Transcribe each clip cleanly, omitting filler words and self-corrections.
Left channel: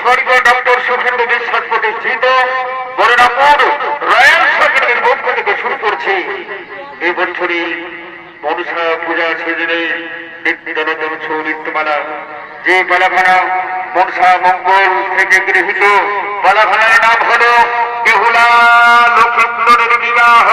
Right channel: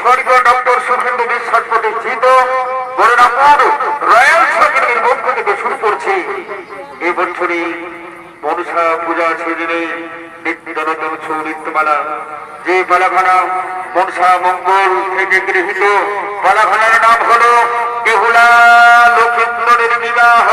স্বর্গীয় ডক্টর সুখেন্দু বিশ্বাস প্রতিষ্ঠিত বরনাপুর রয়্যাল সরকারের পক্ষ থেকে শুরু করছি এই বছরই মনসা পূজা সিজনে নিত্যনতন সৌনিত্যমালা। যে পালাখানা মনসা মঙ্গল থেকে গৃহীত পালাখানার নাম হলো বেহুলা লক্ষিন্দরের বিবাহ।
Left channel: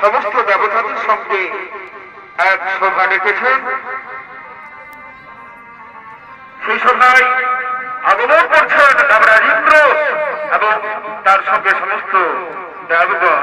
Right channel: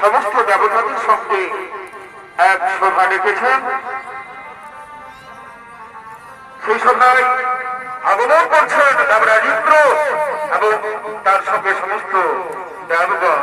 সমস্ত দেবতাদের সঙ্গে এক সভা ডেকেছেন। সেই সভায় আগমন করছেন দেবরাজ ইন্দ্র এবং তার সঙ্গে সমস্ত দেবগণ।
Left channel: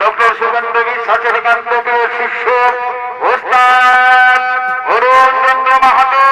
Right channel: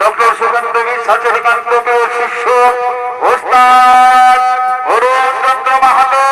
ডক্টর সুগন্ধ সচেতন শিষ্য ওস্তাদ অরুণ চন্দ্র মাহাতো।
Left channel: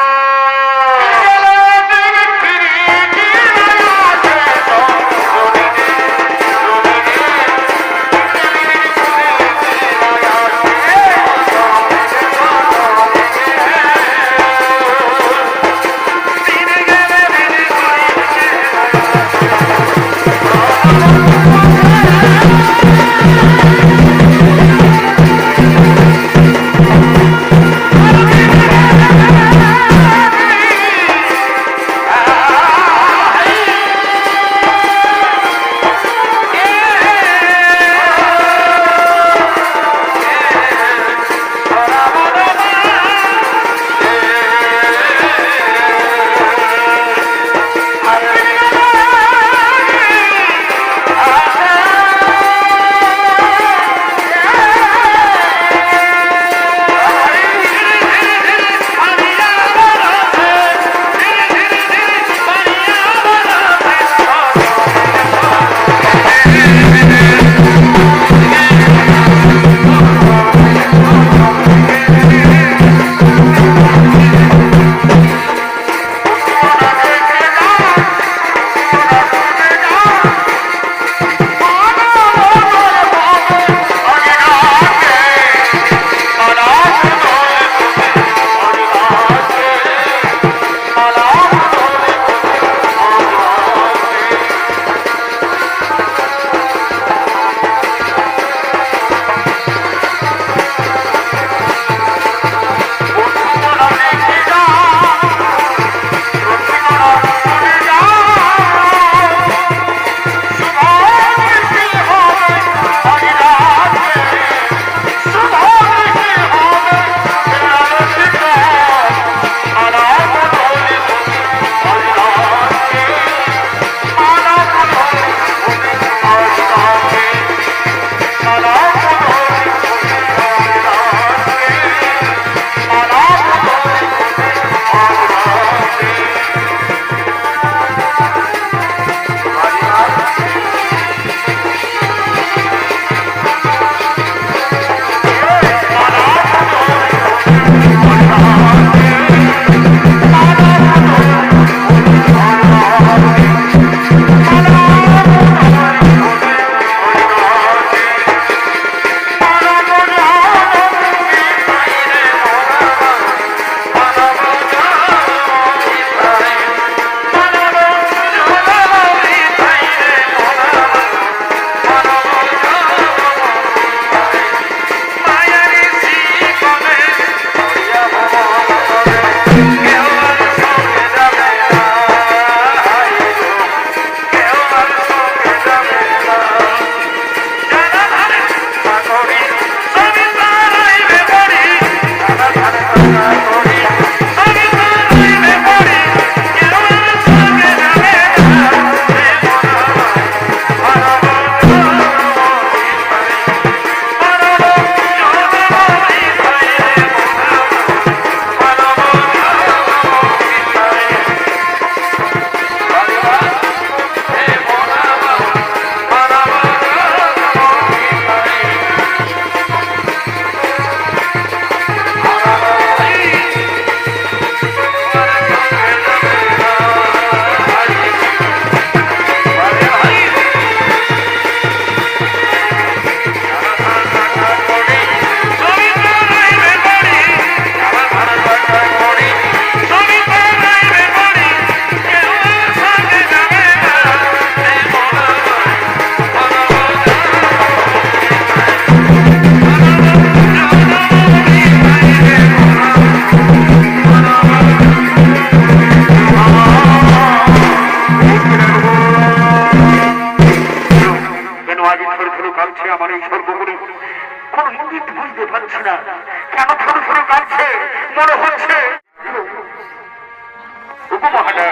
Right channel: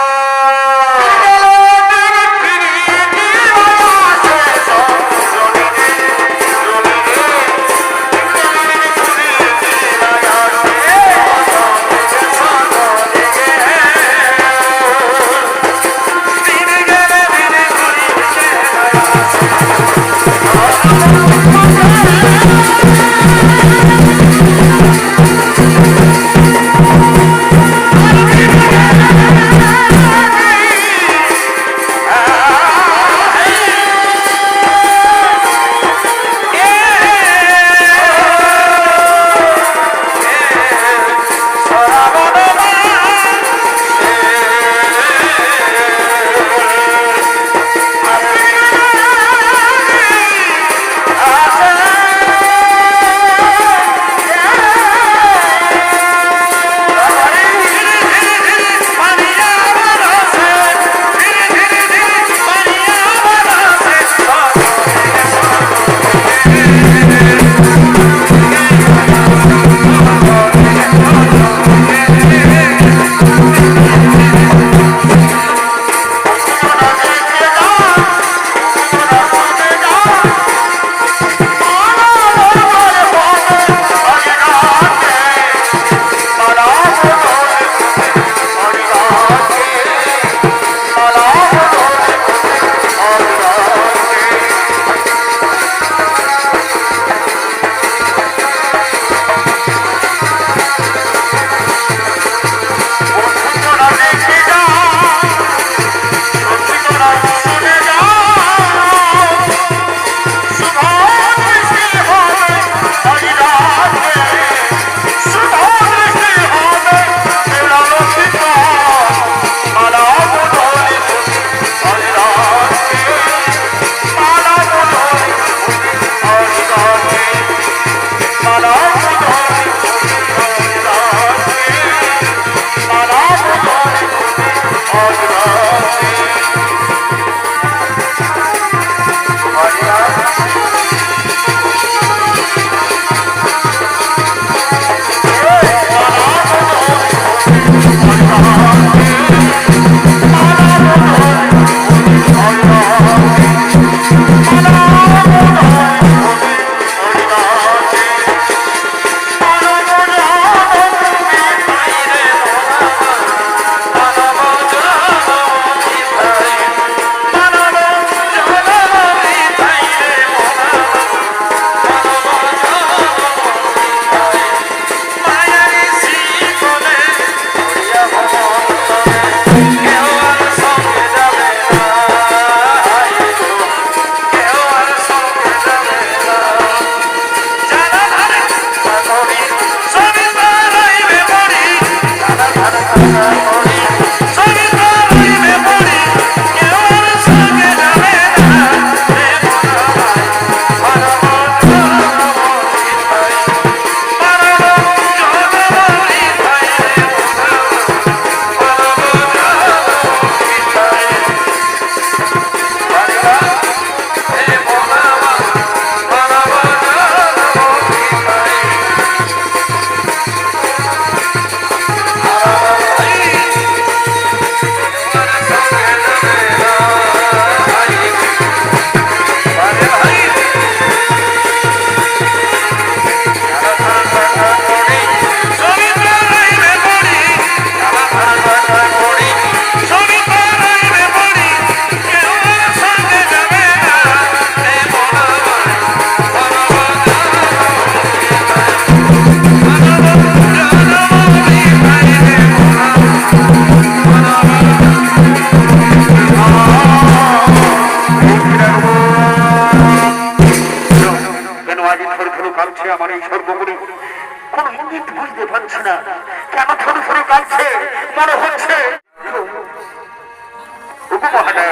না,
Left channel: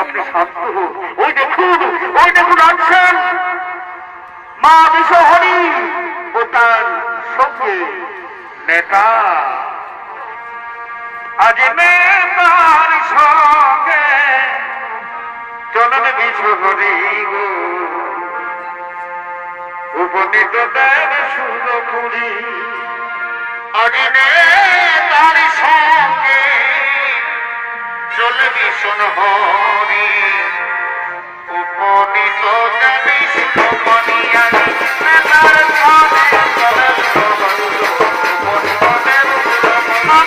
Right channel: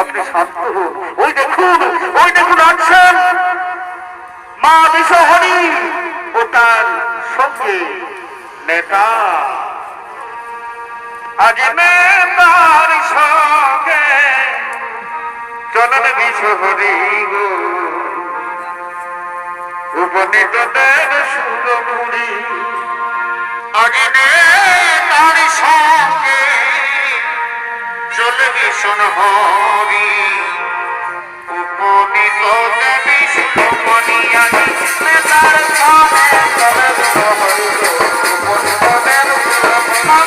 আপনি শান্ত হন। ওই দেখুন আছেন মা বিশ্বহরি ও তার সঙ্গে নেতা। আজ নেতার সঙ্গে চলেন বিশ্বহরি গো, উপনীত দেন সুরমুড়ি। আজ নেতার সঙ্গে চলে বিশ্বহরি, উপনীত দেন সুরমুড়ি। নেতার সঙ্গে চলে বিশ্বহরি গো, উপনীত দেন সুরমুড়ি।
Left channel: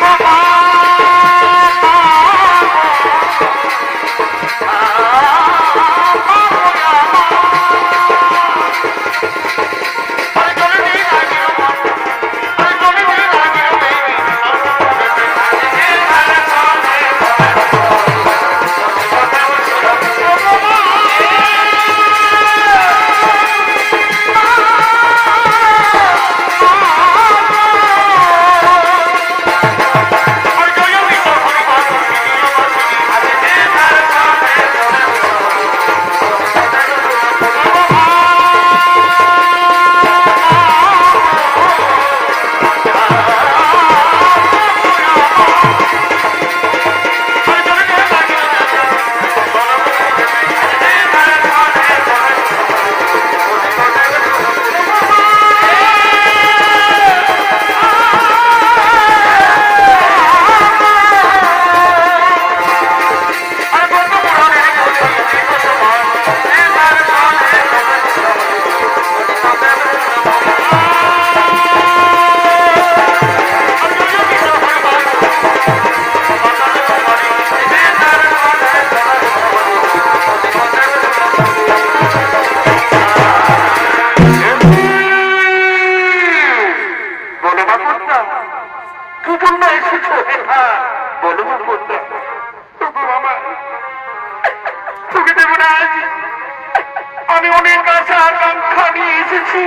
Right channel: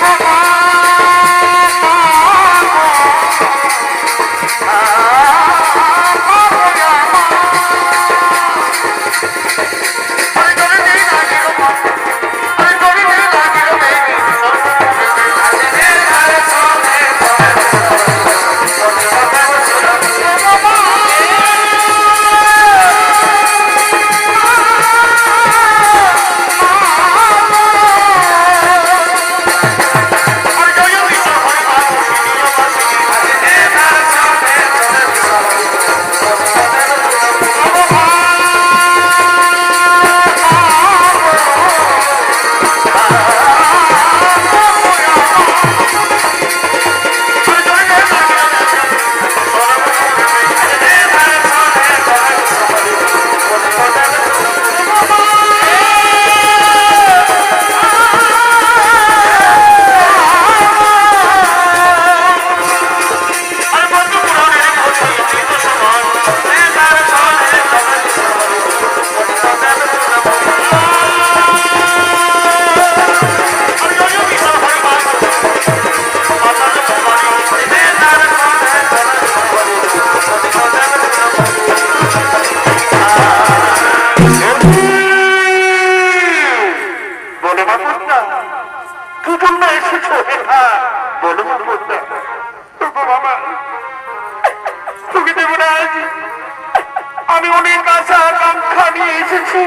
আমি অনেক আশা আকাঙ্ক্ষা নিয়ে এসেছি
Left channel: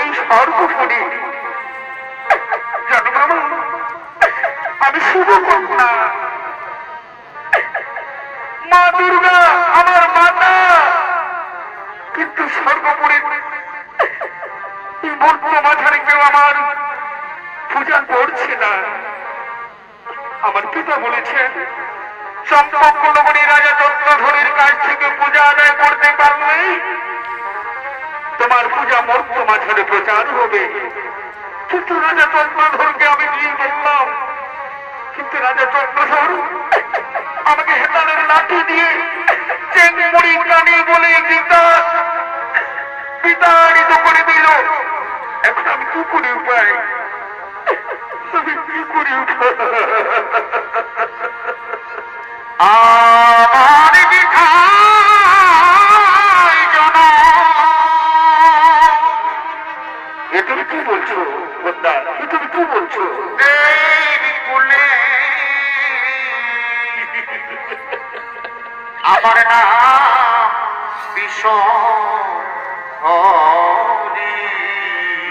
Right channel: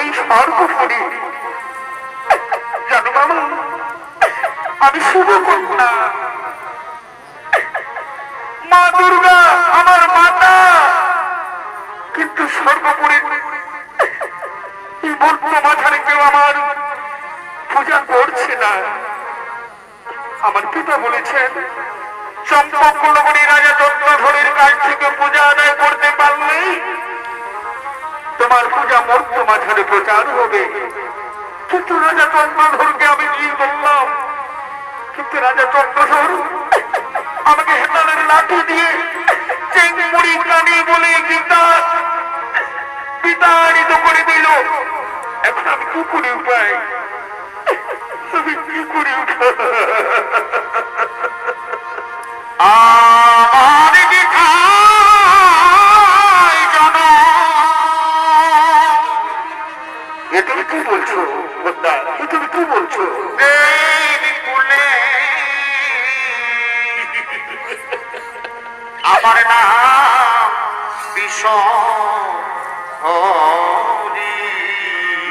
এই স্বর্গপুরী। জানো বাবা, আমি শুভ কন্যা, মা দুর্গা আমার মাতা, কিন্তু স্বর্গপুরী এই বর্তমানে কেউ আমার পূজা করছে না। আমার পিতা বলেছেন চম্পক কুলমণি রাজা চন্দ্রধরের কাছ থেকে পূজা আদায় করতে পারলে তোমার পূজা মর্ত মাঝারে প্রচার হবে। কিন্তু রাজা চন্দ্রধরকে আমি নিয়ে বললাম, কিন্তু রাজা চন্দ্রধর আমাকে হেতালের লাঠি দিয়ে চেংমুড়ি কানি বলে বিতাড়িত করে দিল। এখন আমি কি করে উপায়, আমি কি করে উপায়? আমার তুমি কি বলছো? তুমি কি বলছো? আমার নাম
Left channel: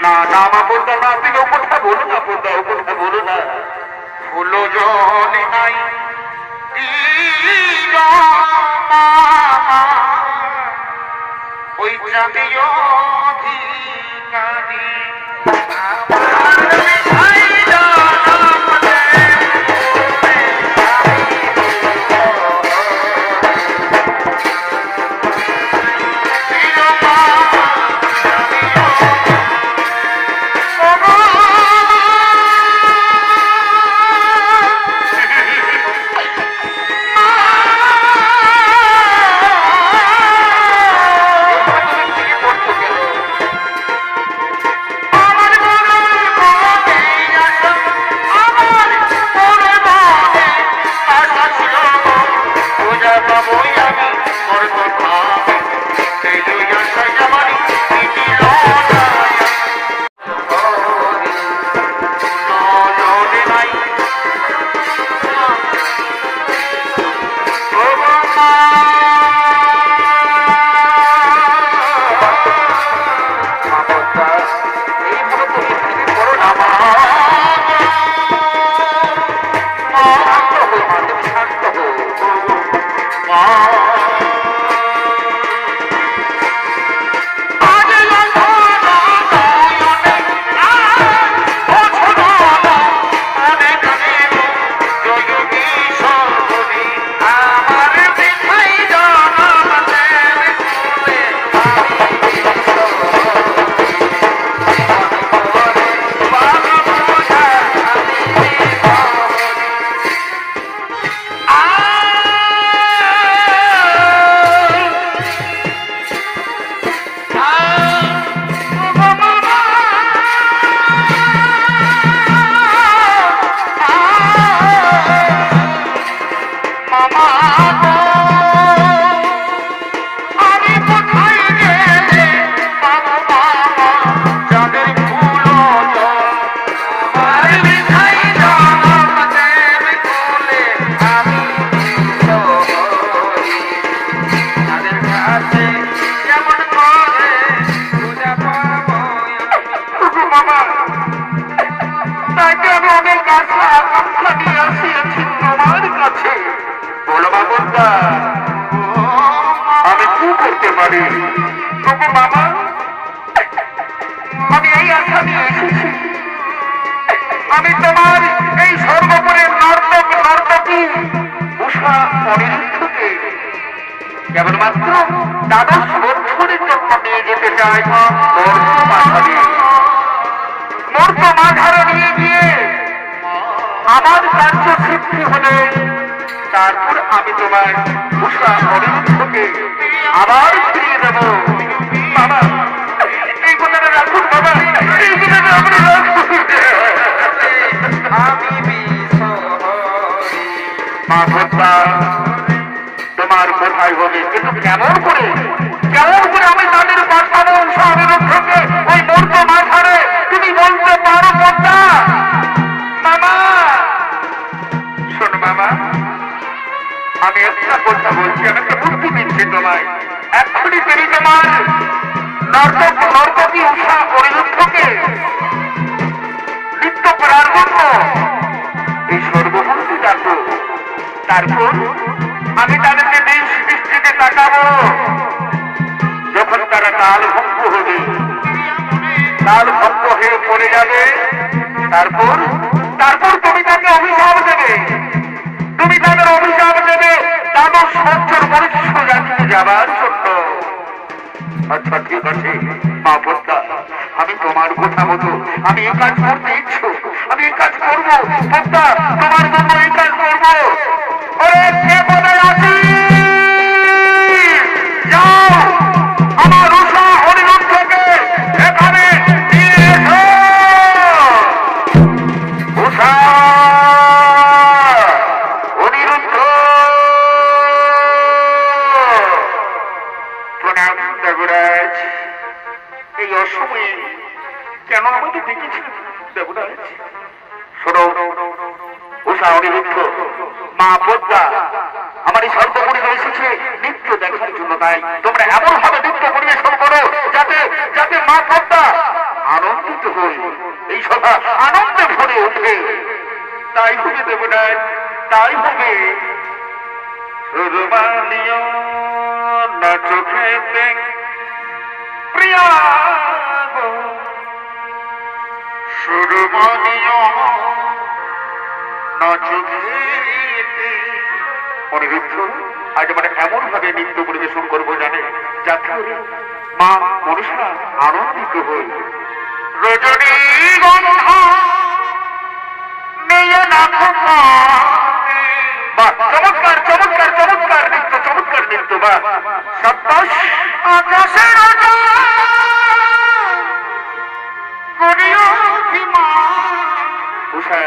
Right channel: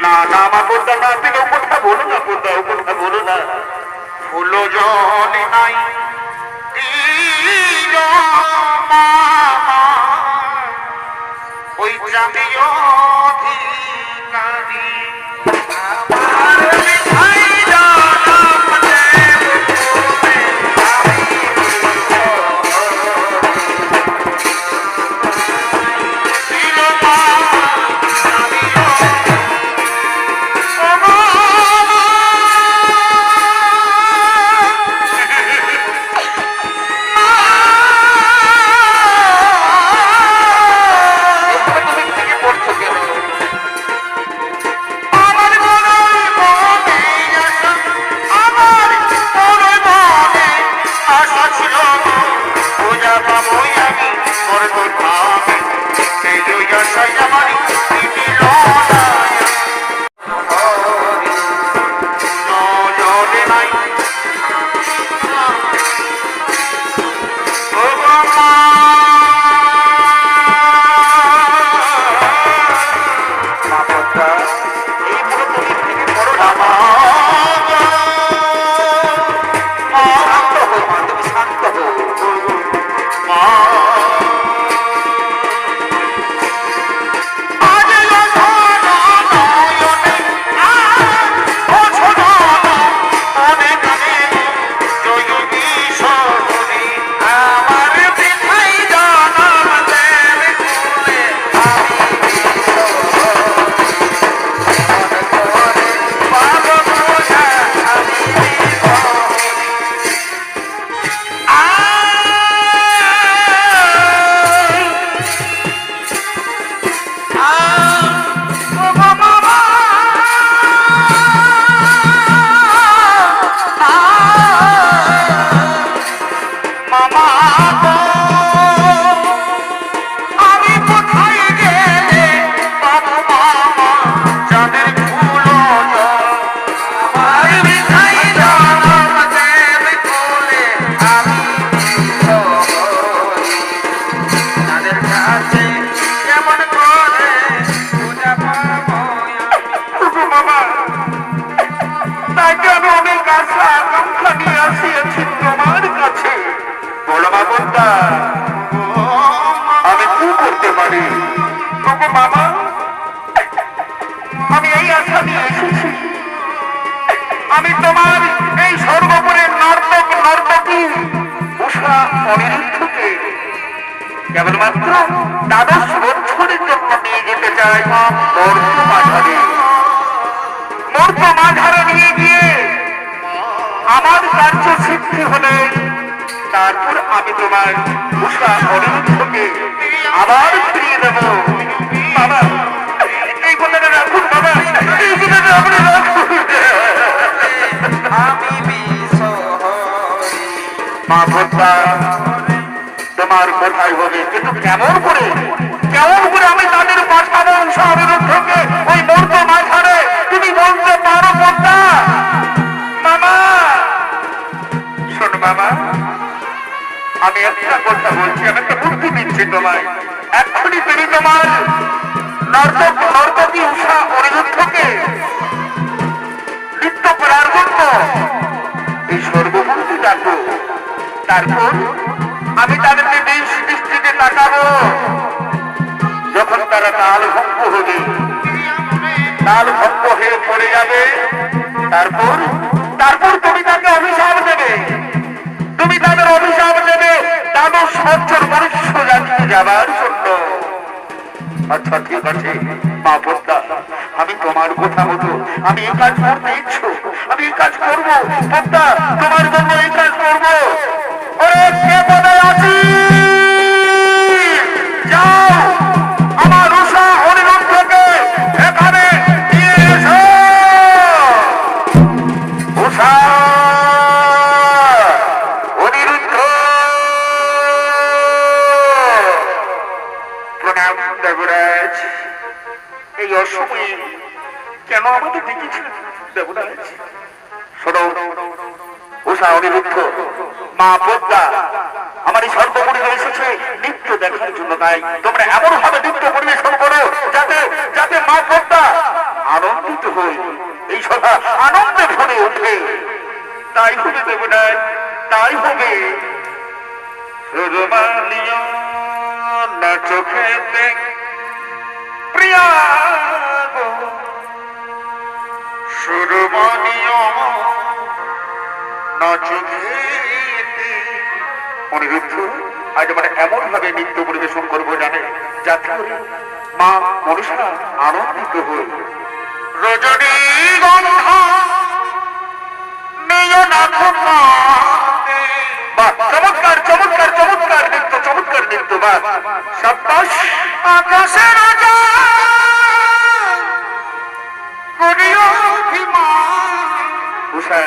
না না মা বলতা না, তুমি ও কথা বলো না, বলতা ও কথা বলো না। ফুলো জল নাই ওই জাতীয় অধিকারী শান্ত পদ্মা, আমি কি করতে পারি? তবু মামা, আমি এই আশা নিয়ে এসেছি, আমি তোমার এই সর্বোপরি নর্তক নর্তকী উষা অনিরুদ্ধকে কেবলমাত্র দ্বাদশ বছরের জন্য নিয়ে যেতে চাই মর্ত মাঝারে নিয়ে গিয়ে আমার কার্য সিদ্ধি হলে তারপর আমি তোমার উষা অনিরুদ্ধকে আবার ফিরিয়ে দেব। বাবা, এই কথাটা রাখুন বাবা, এই কথাটা আপনি রাখুন। মা ভোটা, তোমার কোথায় হবে, কিন্তু কেমন করে আমি তাদের পাঠাবো উষা অনিরুদ্ধকে ওই মর্ত মাঝারে? তুমি বলতে পারো ভোটা? মামা শোনো মামা, আমি একটা কথা বলছি, আমি একটা বুদ্ধি দিচ্ছি তোমায়। এক্ষুনি তুমি তোমার নর্তকী উষা অনিরুদ্ধকে নৃত্য করার জন্য এই সর্বভূতি ডাকো, তারপর আমি তাদেরকে নিজ দৃষ্টিতে তাকাবো। যখন তারা তাল ভঙ্গ হবে, তাল ভঙ্গ হয়ে পড়ে যাবে, তারপর তুমি তাকে অভিশাপ দেবে, তুমি তাদের অভিশাপ দেবে দ্বাদশ বছর বরিষ্ঠ জাতিতে যাবার জন্য। আচ্ছা ঠিক আছে মা পদ্মা, আমি তোমার কথা মতো আমি এই কাজ করতে ইচ্ছুক, আমি এই কাজ করবো পদ্মা, তোমার জন্য এই কাজ করবো। ওরে কে পদে আছি, যাও আমার উষা অনিরুদ্ধকে এখানে নিয়ে এসো। উষা অনিরুদ্ধ, প্রণাম দেবরাজ। এই অসময়ে কেন আমাকে ডেকেছেন দেবরাজ? শোনো উষা অনিরুদ্ধ, মা পদ্মা আমার এই সর্বপরি এসেছে নৃত্য দেখার জন্য। তাই তোমরা এমন ভাবে নৃত্য পরিবেশন করো যাতে মা পদ্মা আনন্দিত হই, এই সভা আনন্দে ভরে ওঠে। তাই হবে দেবরাজ, তাই হবে। সুরমালিয় না চোখেতে প্রিয়া গো, সুরমালিয় না চোখেতে। অনিরুদ্ধ আজ মানে এমন ভাবে নৃত্য পরিবেশন করবো জানে যাতে মা মনসা আনন্দিত হই। রজনী গন্ধা চমৎকার চমৎকার চমৎকার নৃত্য, চমৎকার নৃত্য। বা সাব্বাস। আকাশের উষা,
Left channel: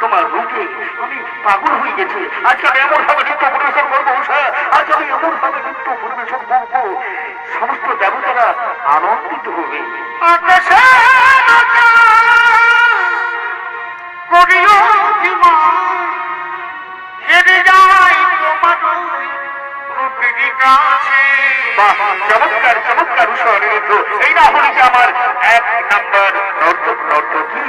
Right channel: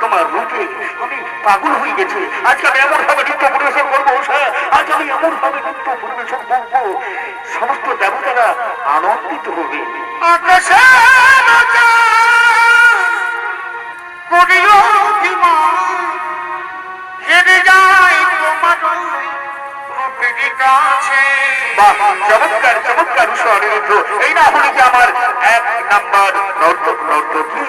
তোমার রূপে আমি পাগল হয়ে গেছি। আজকে আমি এমন ভাবে নৃত্য পরিবেশন করবো উষা, আজ আমি এমন ভাবে নৃত্য পরিবেশন করবো সমস্ত দেবতারা আনন্দিত হবে। চমৎকার চমৎকার উষা অনিরুদ্ধ, এই না হলে কি আমার এক নাম্বার নর্তক নর্তকী।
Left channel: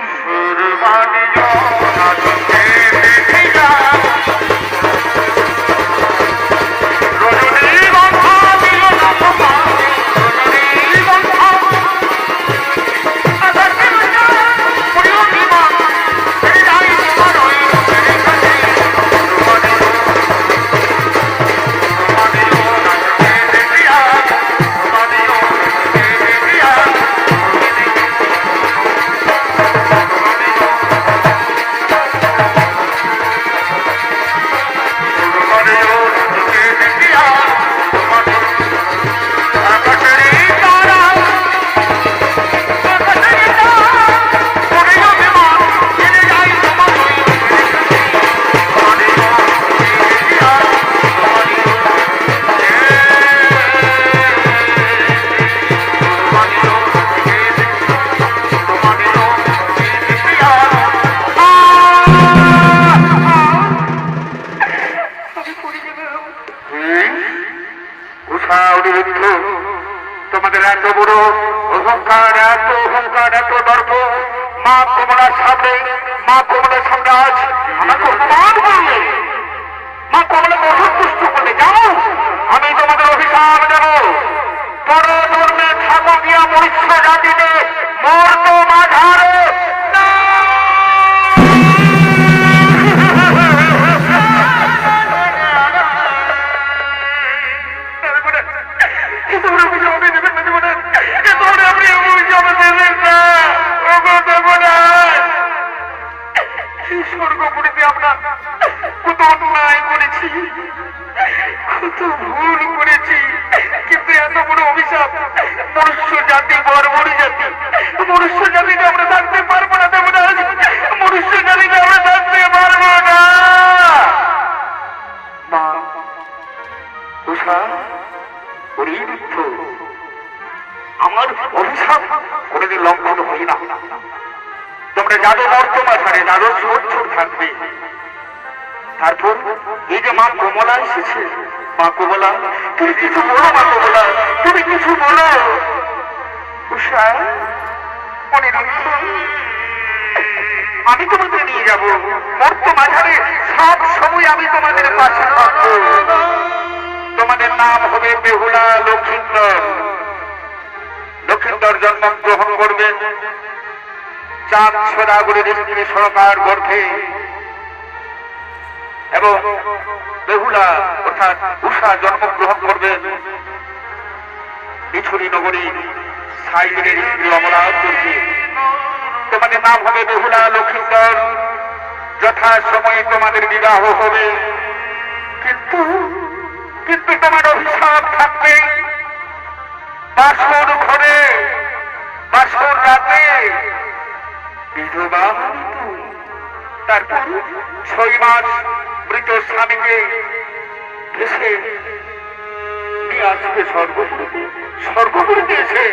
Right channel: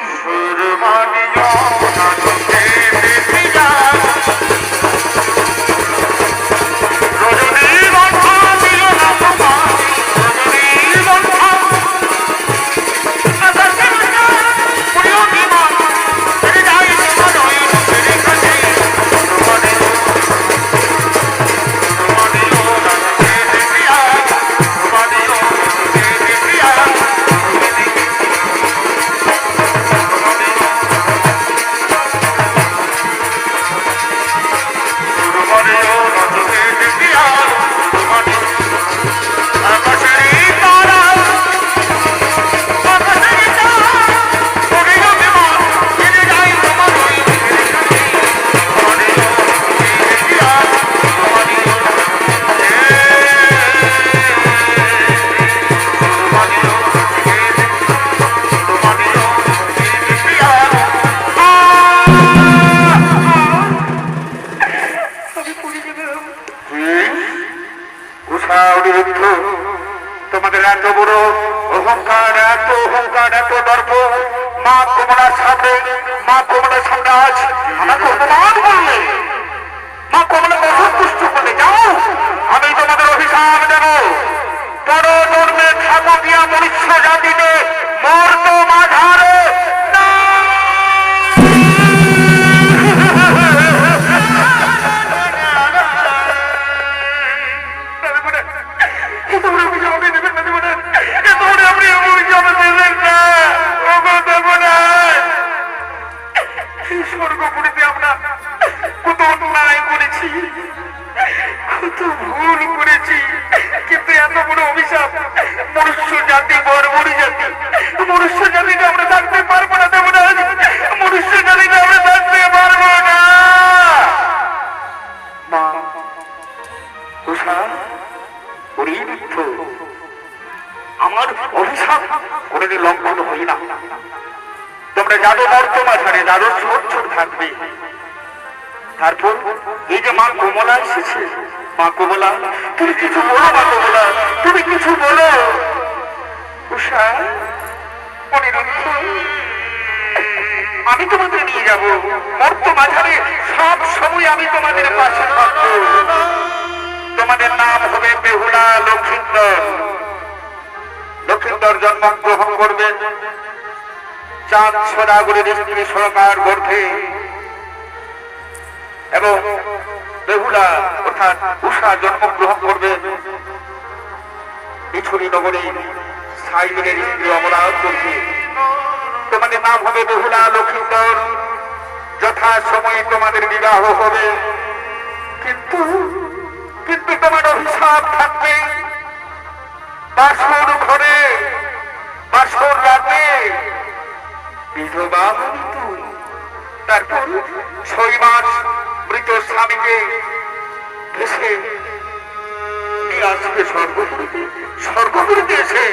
অন্যায় করেছি, কত ভুল করেছি, কিন্তু এত বড় অভিশাপ মনুষ্য জাতি বর্বরী জাতি, মনুষ্য জাতিতে আমরা থাকতে পারবো না। দেবরাজ, মনুষ্য জাতিতে আমরা থাকতে পারবো না। মা উষা, আমার অভিশাপ কোনদিন লঙ্ঘন হয় না। তোমরা যাদব বর্তমানে যাদব সচ্ছল থাকবে। তারপর এই যে মা কমলা এসেছে, মা কমলা তুমি কিছু বলো, মা কমলা তুমি কিছু বলো। উষা, অনিরুদ্ধ, আমি তোমাদের নিয়ে যাব বর্তমানে, সব সময় আমি তোমাদের পাশে থাকবো। তোমাদের নাম হবে বেহুলা লক্ষিন্দর। লক্ষিন্দর জন্মগ্রহণ করবেন চাঁদ সদাগরের স্ত্রী সরকার গর্ভে, এবং বেহুলা অর্থাৎ উষা জন্মগ্রহণ করবেন মিছুরি নগরী সাইদের স্ত্রী অমরার গর্ভে। তোমাদের নাম হবে বেহুলা লক্ষিন্দর। যথা সময়ে তোমাদের বিবাহ হবে, কিন্তু কিন্তু তোমার অভিশাপ থাকবে বাসর ঘরে, বাসর রাতে বিধবা মৃত্যু। তারপর 6 মাস মৃত স্বামীকে ভেসে আসবে স্বর্গপুরীতে এসে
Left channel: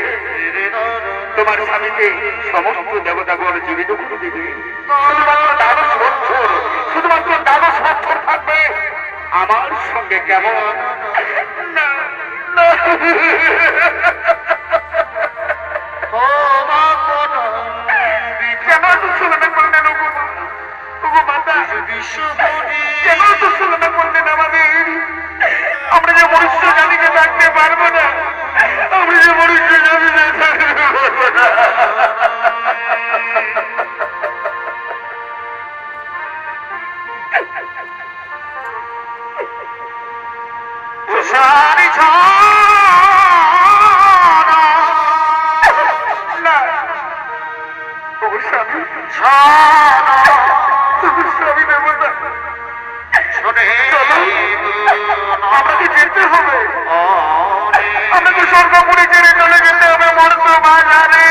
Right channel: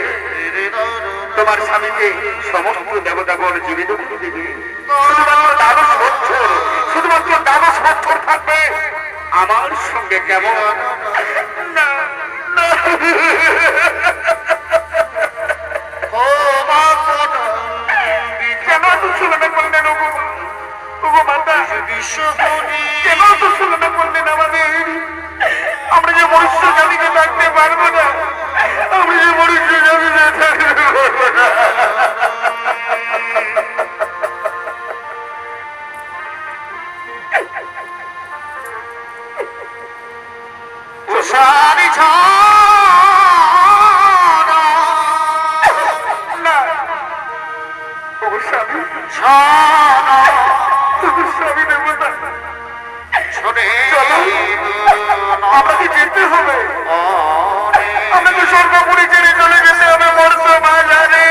তোমার স্বামীকে সমস্ত দেবতাগণ জীবিত করে দেবে। শুধুমাত্র দ্বাদশ বছর থাকবে আমার সঙ্গে। কেমন? কেন তো শুনতে করলেন কেন তো শুনতে করলেন আমাদের? আমরা যে মনুষ্য জাতিকে থাকতে পারবো না, আমরা যে মনুষ্য জাতিতে থাকতে পারবো না। সারি স্বামী দেবতা, আমাকে যেতে হবে, আমাকে স্বর্গপুরে ছেড়ে চলে যেতে হবে বর্তমানে।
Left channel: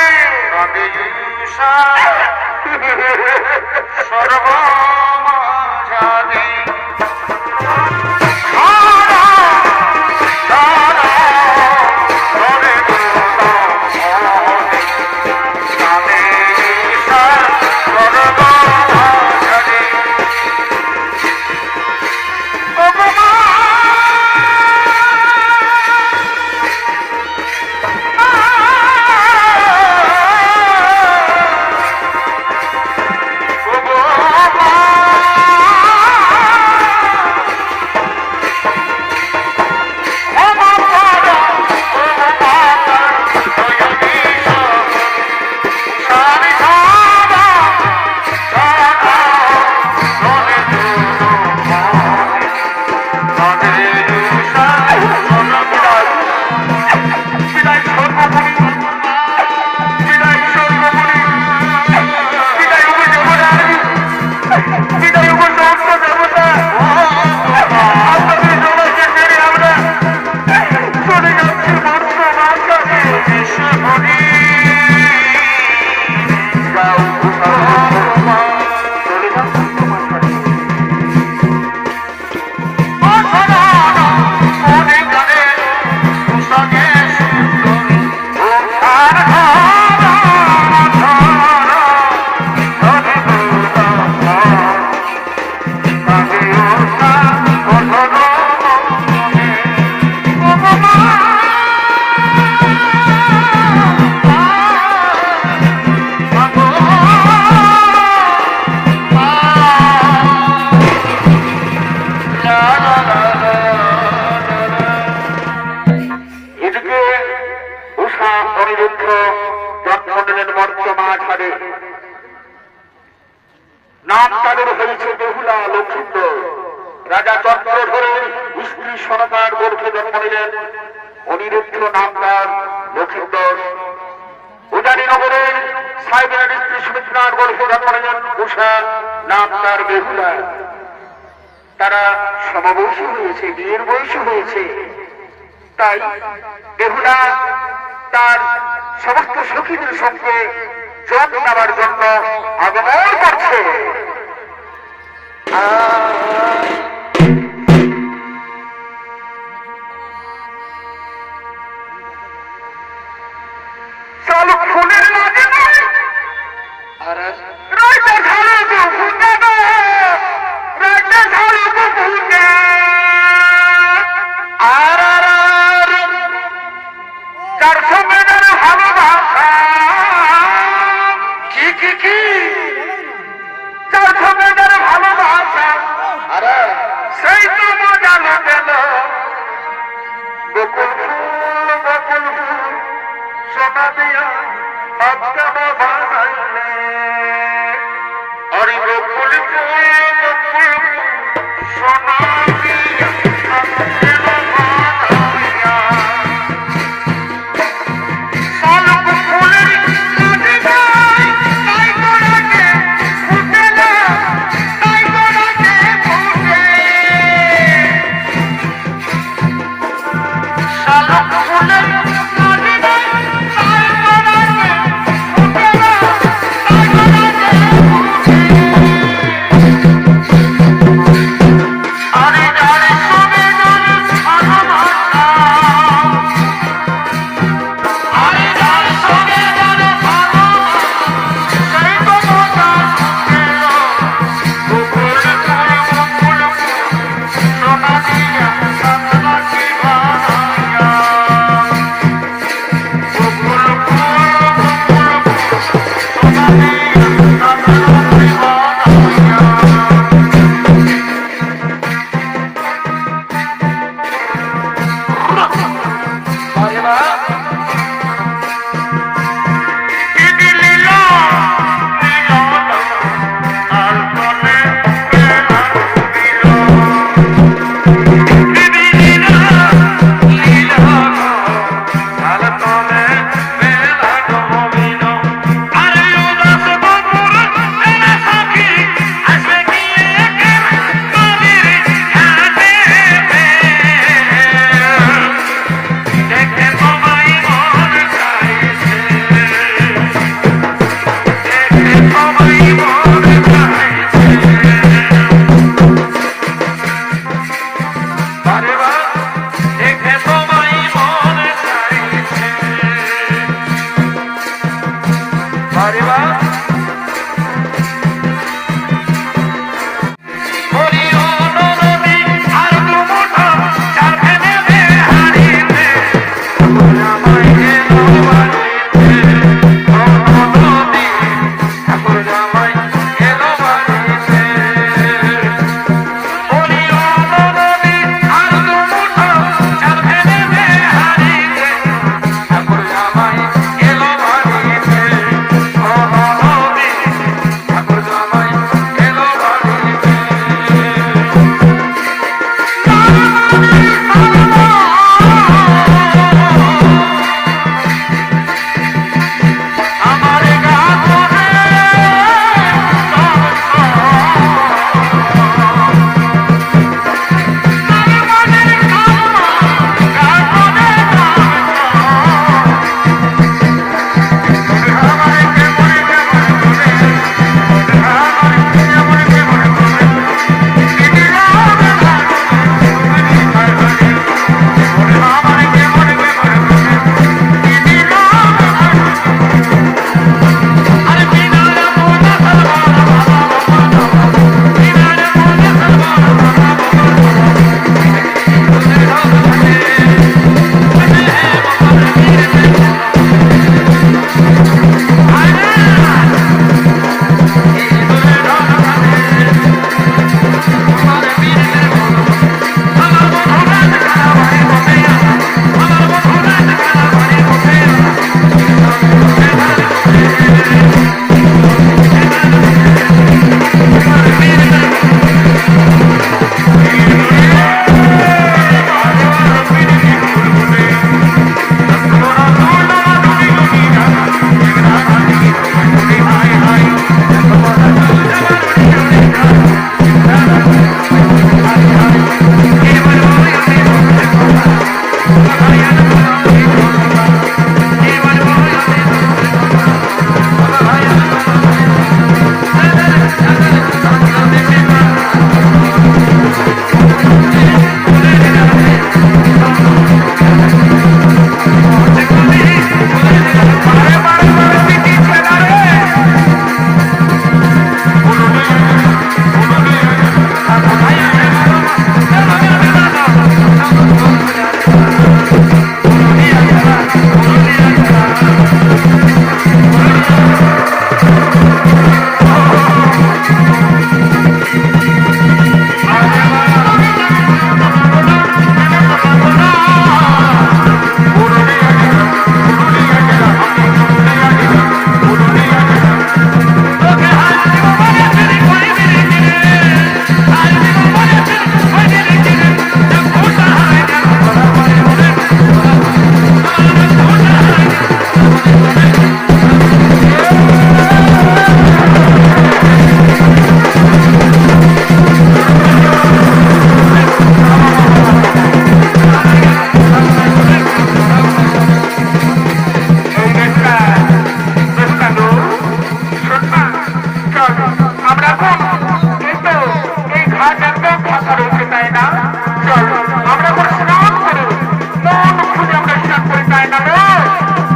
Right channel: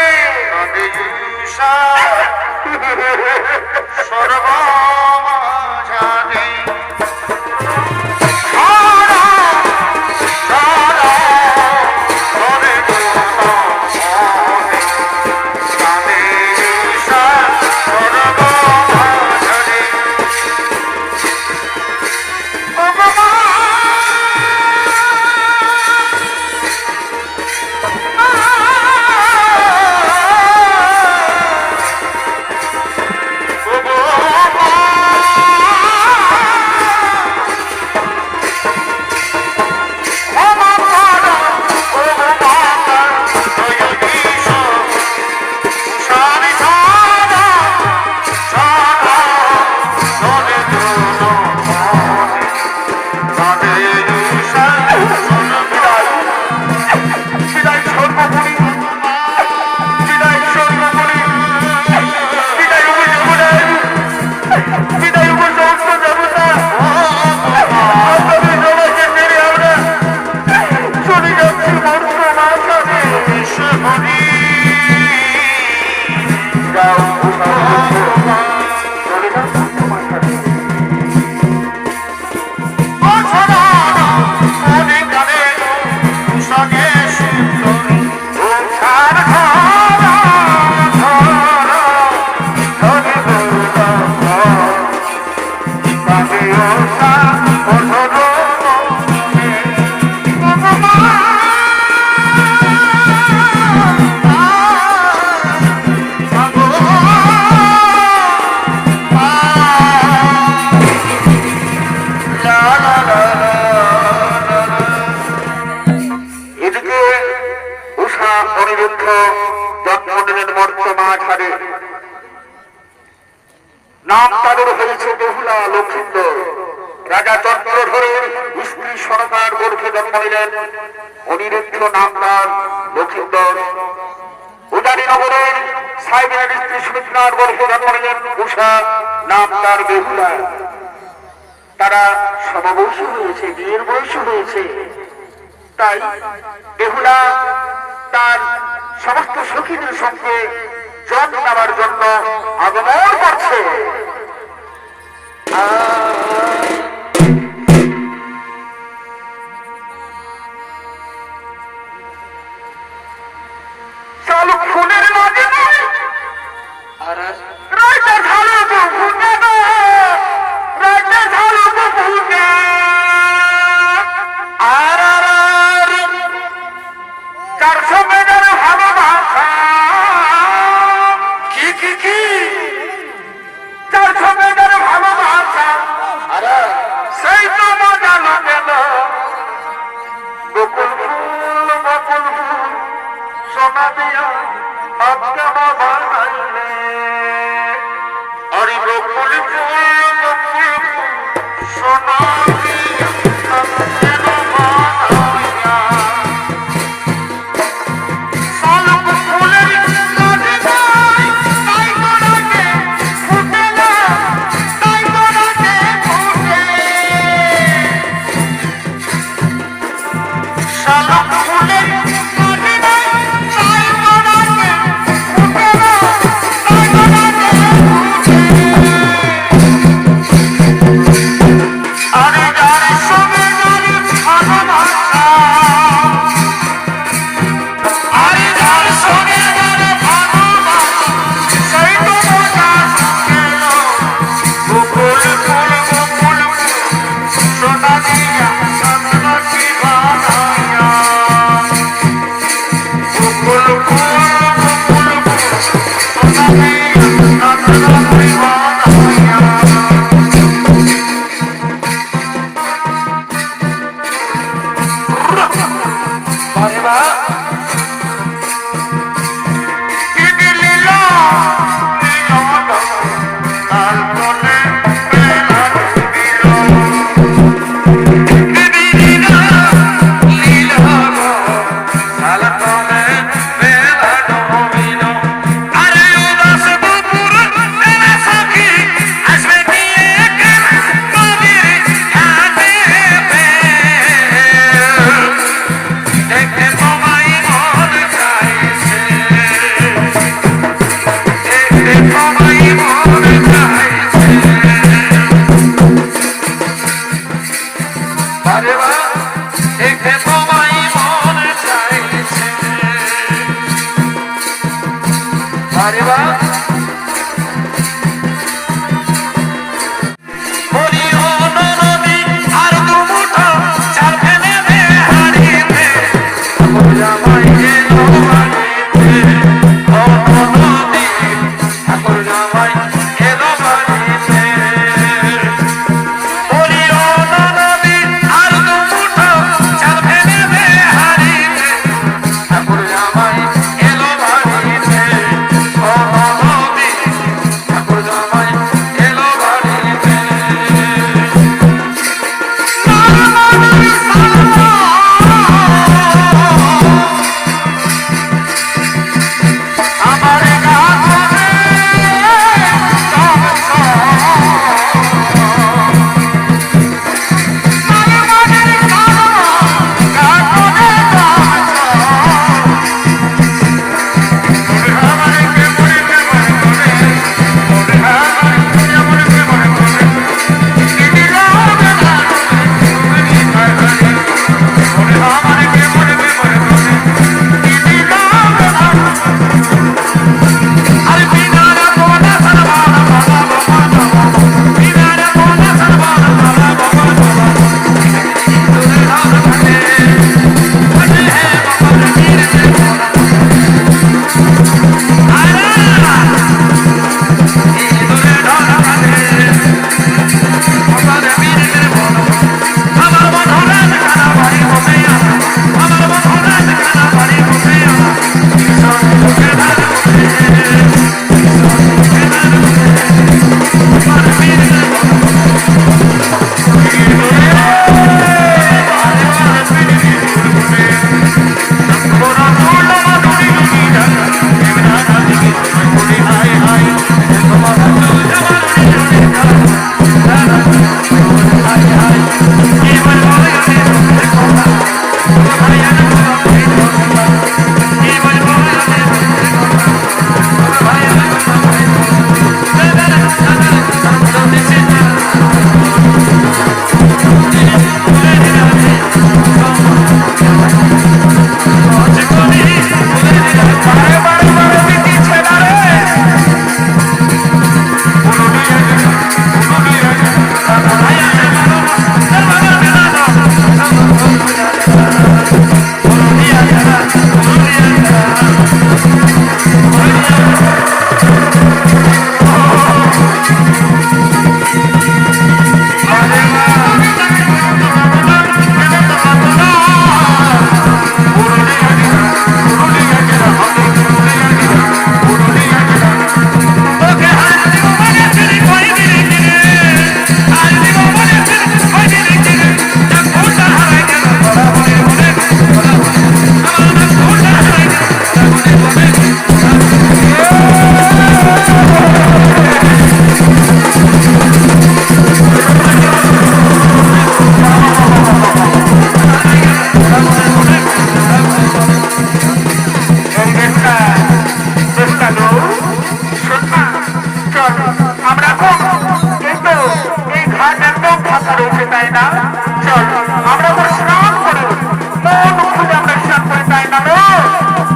সর্বমাঝারে নাম তাদের হয়েছে বেহুলা লক্ষিন্দর। রাজা চক্রধরের স্ত্রী সরকার গর্ভে জন্ম নিলেন। অনিরুদ্ধ নাম তার লক্ষিন্দর। উদানি নগরের সাইবের স্ত্রী সুমিত্রার গর্ভে জন্ম নিলেন উষা, নাম তার বেহুলা। তারা সমবয়সী হয়েছে, বিয়ের বয়সী হয়েছে। তাই বেহুলা তার সমস্ত সখীদের সঙ্গে জল নেওয়ার জন্য আগমন করছে। চালু ফুলের মাঝে রাজা ঝালু তো ফুটে গো, রাজা ঝালু তো ফুটে। আর যার সঙ্গে যারা ভালোবাসা, কি যার সঙ্গে যারা ভালোবাসা, আরে সেই তো মজা পেল। বকুল ফুল বকুল ফুল সোনা দিয়া আত্মা বানাইলে, আরে বকুল ফুল বকুল ফুল সোনা দিয়া আত্মা বানাইয়া। শালুক ফুলের নদী বয়, তাই গোড়াতে ফুটে না, তাই গোড়াতে ফুটে। শালুক ফুলের নদী বয়, তাই গোড়াতে ফুটে না, তাই গোড়াতে ফুটে। আরে তাই না? চল আমরা এখন স্নান করো, মন খুলে আমরা স্নান করি, তাই না?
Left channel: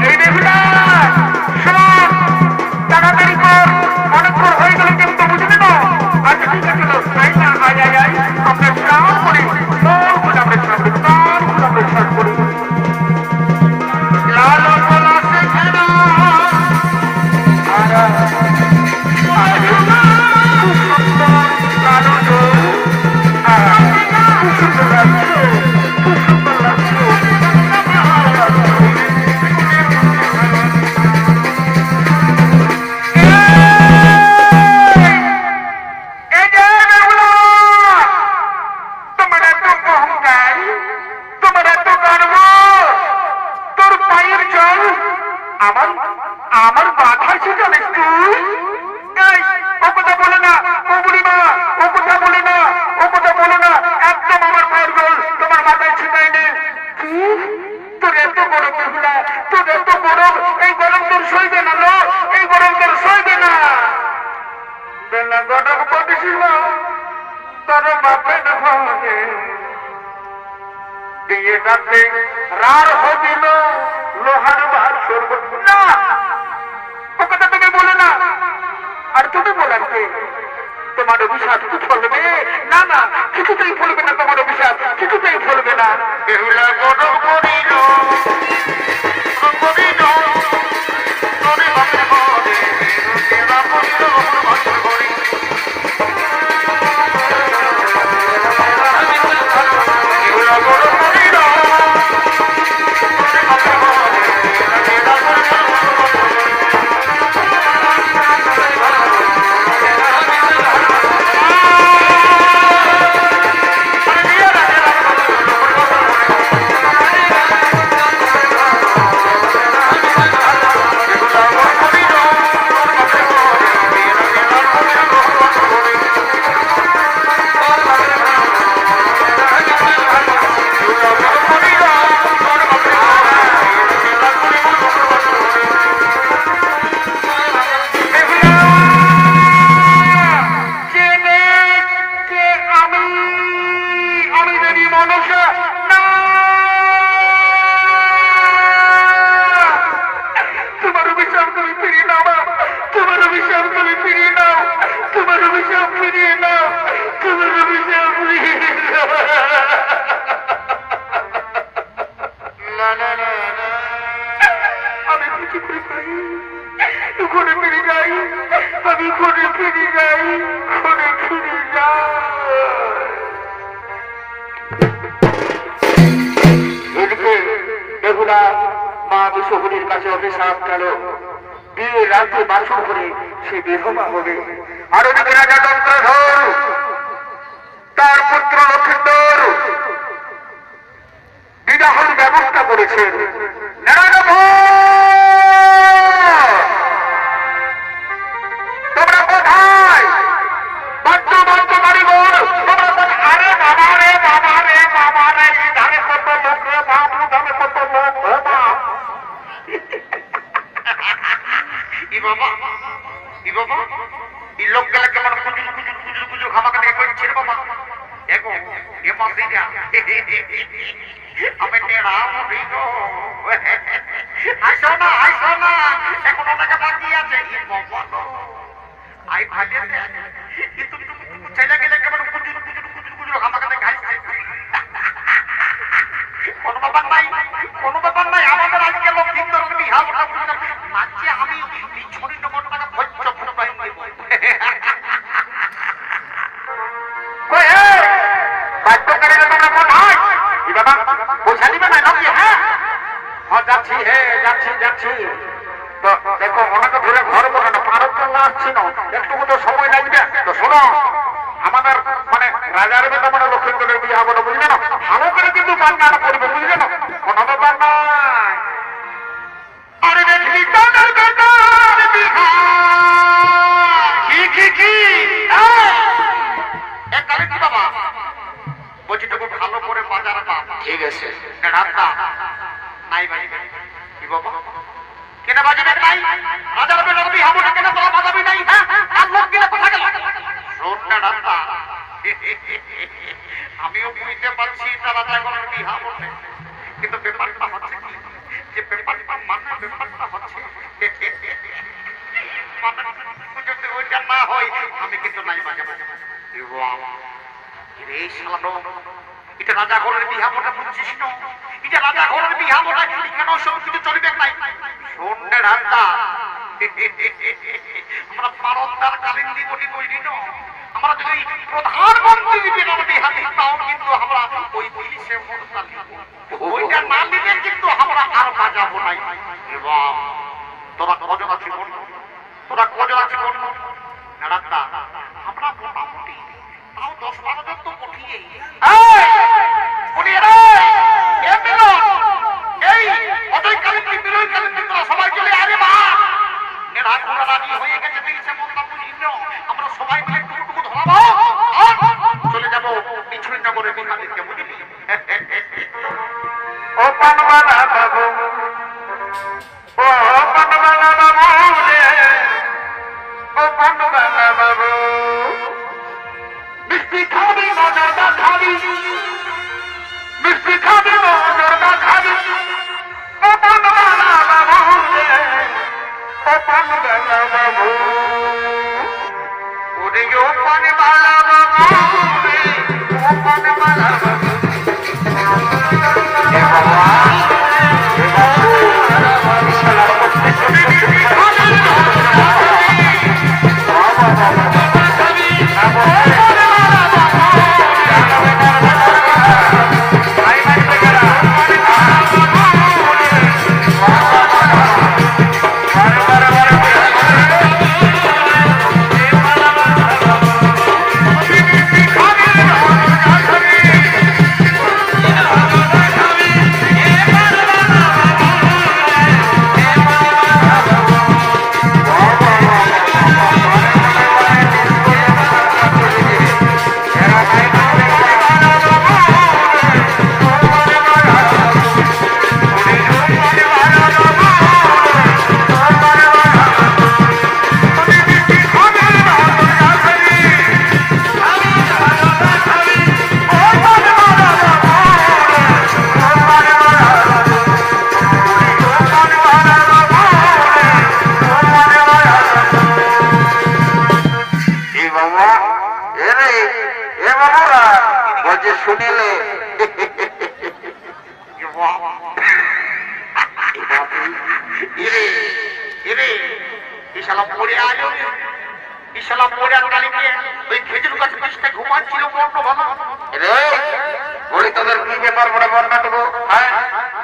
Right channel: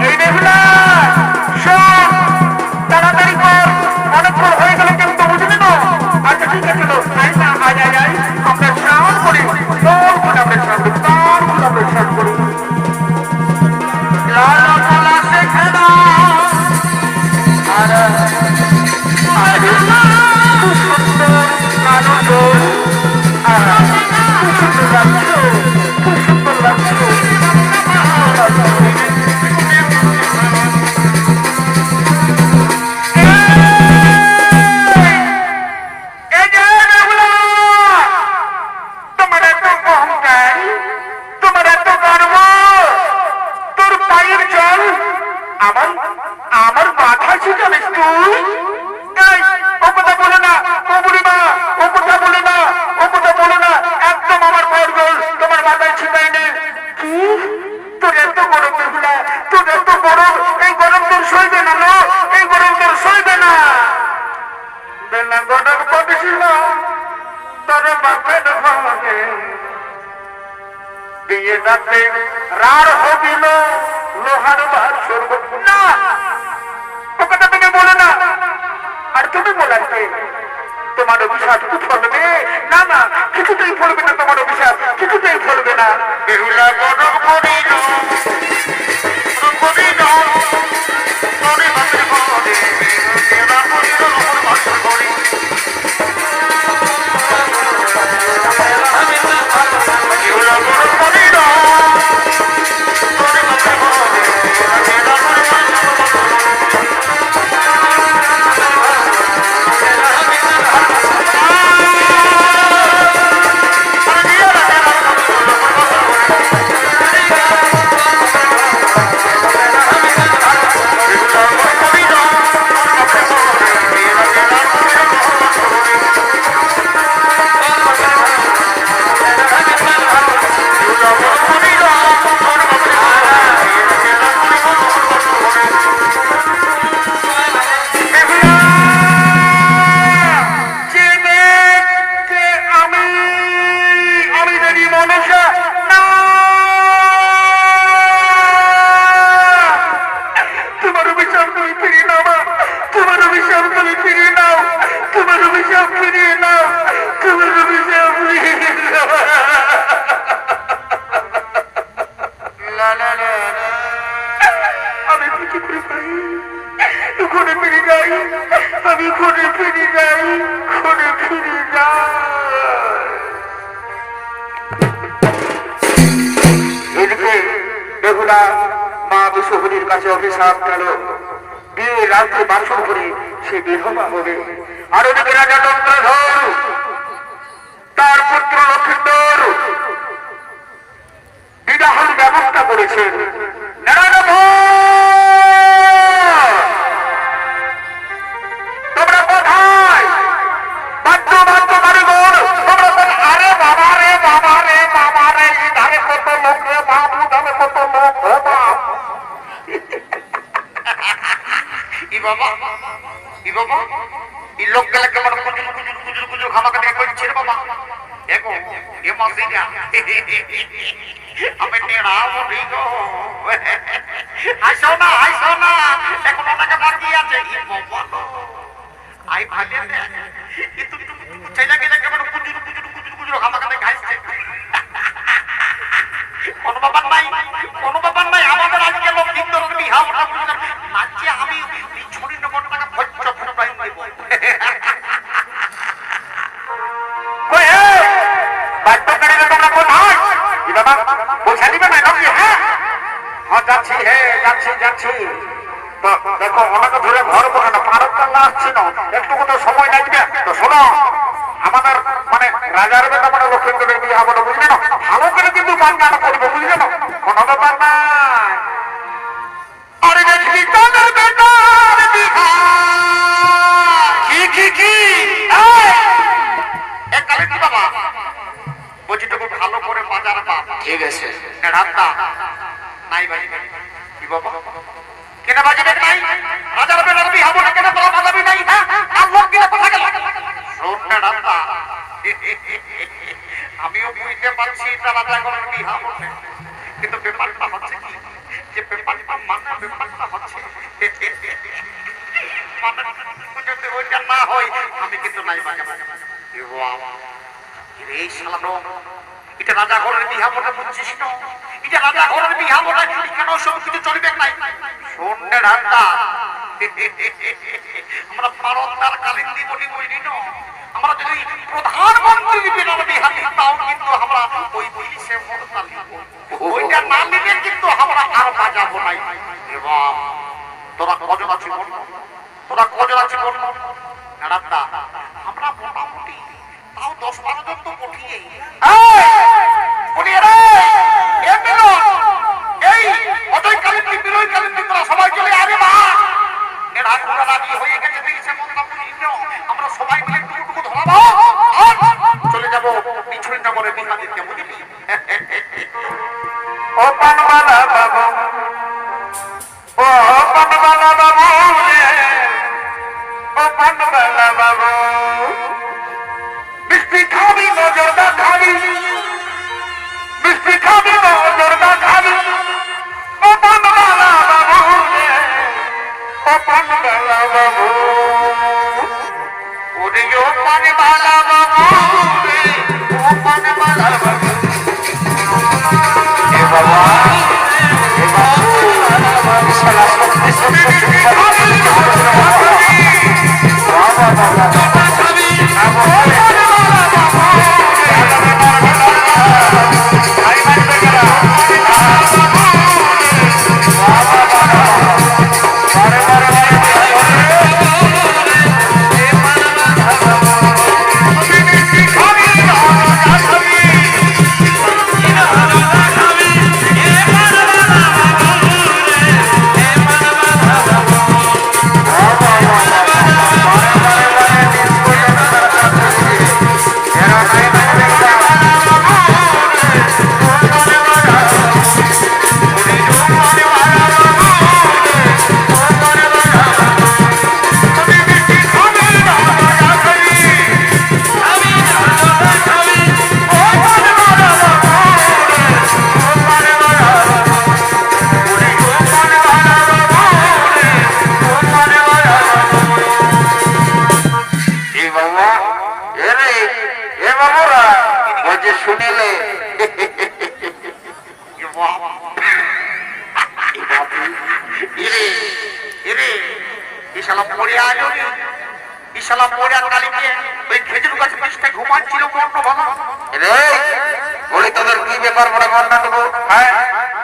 এই বেহুলা শোন, তাড়াতাড়ি কর, অনেকক্ষণ হয়ে গেল কিন্তু, বুঝলি না? আচ্ছা ঠিক আছে, চলো তাই না, আয় আয় আয় আমরা স্নান করি, মন খুলে আমরা স্নান করি, প্রাণ খুলে আমরা স্নান করি। লালা গোলা শেখে না আর আরে খুব সুন্দর কালো গোল, খুব সুন্দর লাগছে, খুব সুন্দর লাগছে। তোমার এত অহংকার, তোমার এত গর্ব, তোর পায়ের জল আমার আমার মাথায় ছিটালিস তুই? এই, ও কথা বলে না, ও বুড়িমা, ও কথা বলে না, ও কথা বলে না, একদম আমার পায়ের জল তোমার মাথায় ছিটাইনি। কি তোর এত বড় বেহুলা, তোর এত বড়, এই গরম তোর সইবে না, লো এই গরম তোর সইবে না। বেলা গরম পাঠিয়েছিল তোর বাপের ঘরে, দিয়ে যাতে রার হবিল লোহার বাসর না। ও কথা তুমি বলে না, আর তুমি বলাতে তোমার অভিশাপ ফলবে না? না, কিছুতেই ফলবে না, তোমার অভিশাপ কিছুতেই ফলবে না। বেহুলা গরম করিল করিল তোরে বাপের ঘরে, বেলা করিল লোহার বাসর ঘরে। বেহুলা গরম করিল তোরে বাপের ঘরে, বেলা করিল আর ওদিকে রাজা চন্দ্রধর তার পুত্র লক্ষ্মীন্দর বিবাহের ব্যবস্থা করেছেন। তোমরা কোথায়? বাদ্য বাদ্য কারিগর তোমরা কোন? আরে বাবা রে বাবা রে বাবা রে, ধারে কত লোক রে বাবু, ধারে কত লোক রে বাপ। ই বাবা ই বাবা, এই লোক গেলে কেমন কুজুর কুজুর কুজুর কুজুর খামাখানি করছে রে বাবা। দেখো এ মাসে যা আমি নেড়া মুড়ি গো, আইসো না আইসো না, এখন ওটাকে বাকি আছে। আই ভাগে কিন্তু ছেলে গেলে কেমন কুজুর কুজুর কুজুর কুজুর খামাখানি খাইছে। কোনো ব্যাপার নাই, কোনো ব্যাপার নাই, আমাদের আজকে লোক কিন্তু বিহা ওটা বুঝলাম নাচছে, আমি ছড়ি নম্বর টাকা ভজ্য ফুটাই দেব। যাচ্ছি হে যাচ্ছি যাচ্ছি, তো দেখো অনেক ধরে ঘর বসে না, পারক কাল্লা আসছি না, একটু তো সময় লাগবে। তো শোনো, আমাদের মানে রাজার বেটা মানে লক্ষ্মীন্দরের বিয়ে হবো না, বুঝলে না? ভালো করে কিন্তু বান্নাটা করবো, বুঝলে না? কোনো ব্যাপার নাই। আরে দেখবি তোদের বেটার বিহা কি এককালে কি বাবা বলছি, তোকে ভালো করে বাজার পা। ঠিক আছে রান্না নাই বাজি কি বাবা, কেন বাজিবে নাই? রাজার বেটার বিহা হবো না, কেন তোরা বাজাবি নাই? হ্যাঁ, আর লোক গেলে কোথা গেল? শোন না রান্না, বুঝতে পারছি এটা রাজাগণের বিহা বটে, কিন্তু ব্যাপারটা হচ্ছে কি, যে ব্যাপারটা ব্যাপারটা হচ্ছে যদি ওইটা না হয় আমি কিন্তু নাই বাজাবো। এই শালানো, এটা রাজাগণের বিহা বটে, বুঝছিস না? এটা রাজাগণের বিহা বটে, কেন সব কিছু চলবে নাই? শোনে ঢাকা, আমরা পারদার কালেক্টি বলি বলি না, আমরা যদি প্রধানমন্ত্রী বিনার বিহা দিতাম কিন্তু আমরা ওই পুলিশে মরতাম, ওইটা না নিলে কিন্তু আমরা আর বাজাবো নাই। এবং তোরা কজন আছিস বল, তোরা কজন আছিস বল ঢাকা? আমরা মোটামুটি তাও 10-12 জন তো পঠিয়ে এই অজয় কালেক্টি বিনয় কালেক্টি তোরা সবাই চলে আরে বা এরা রাজি হয়ে গেছে, দিয়েছে আমরা সবাই মিলে টুকটুকু ধরাবো আর চলে যাবো পিছুই নগরে বিহা দিতে, বুঝলি? ও পানবালা বাবু, ও পানবালা বাবু রে, ও পানবালা বাবু, মিষ্টি খাবি নজরদা খাবি, মিষ্টি খাবি নজরদা খাবি, ও পানবালা বাবু রে, ও পানবালা বাবু, ওরে ও পানবালা বাবু রে, ও পানবালা বাবু। এ বাবা, এ বাবা, শালা করতে শুনে শুনেলে তোদের কি ব্যাপার বলে বর্ণনা দেবো? হ্যাঁ,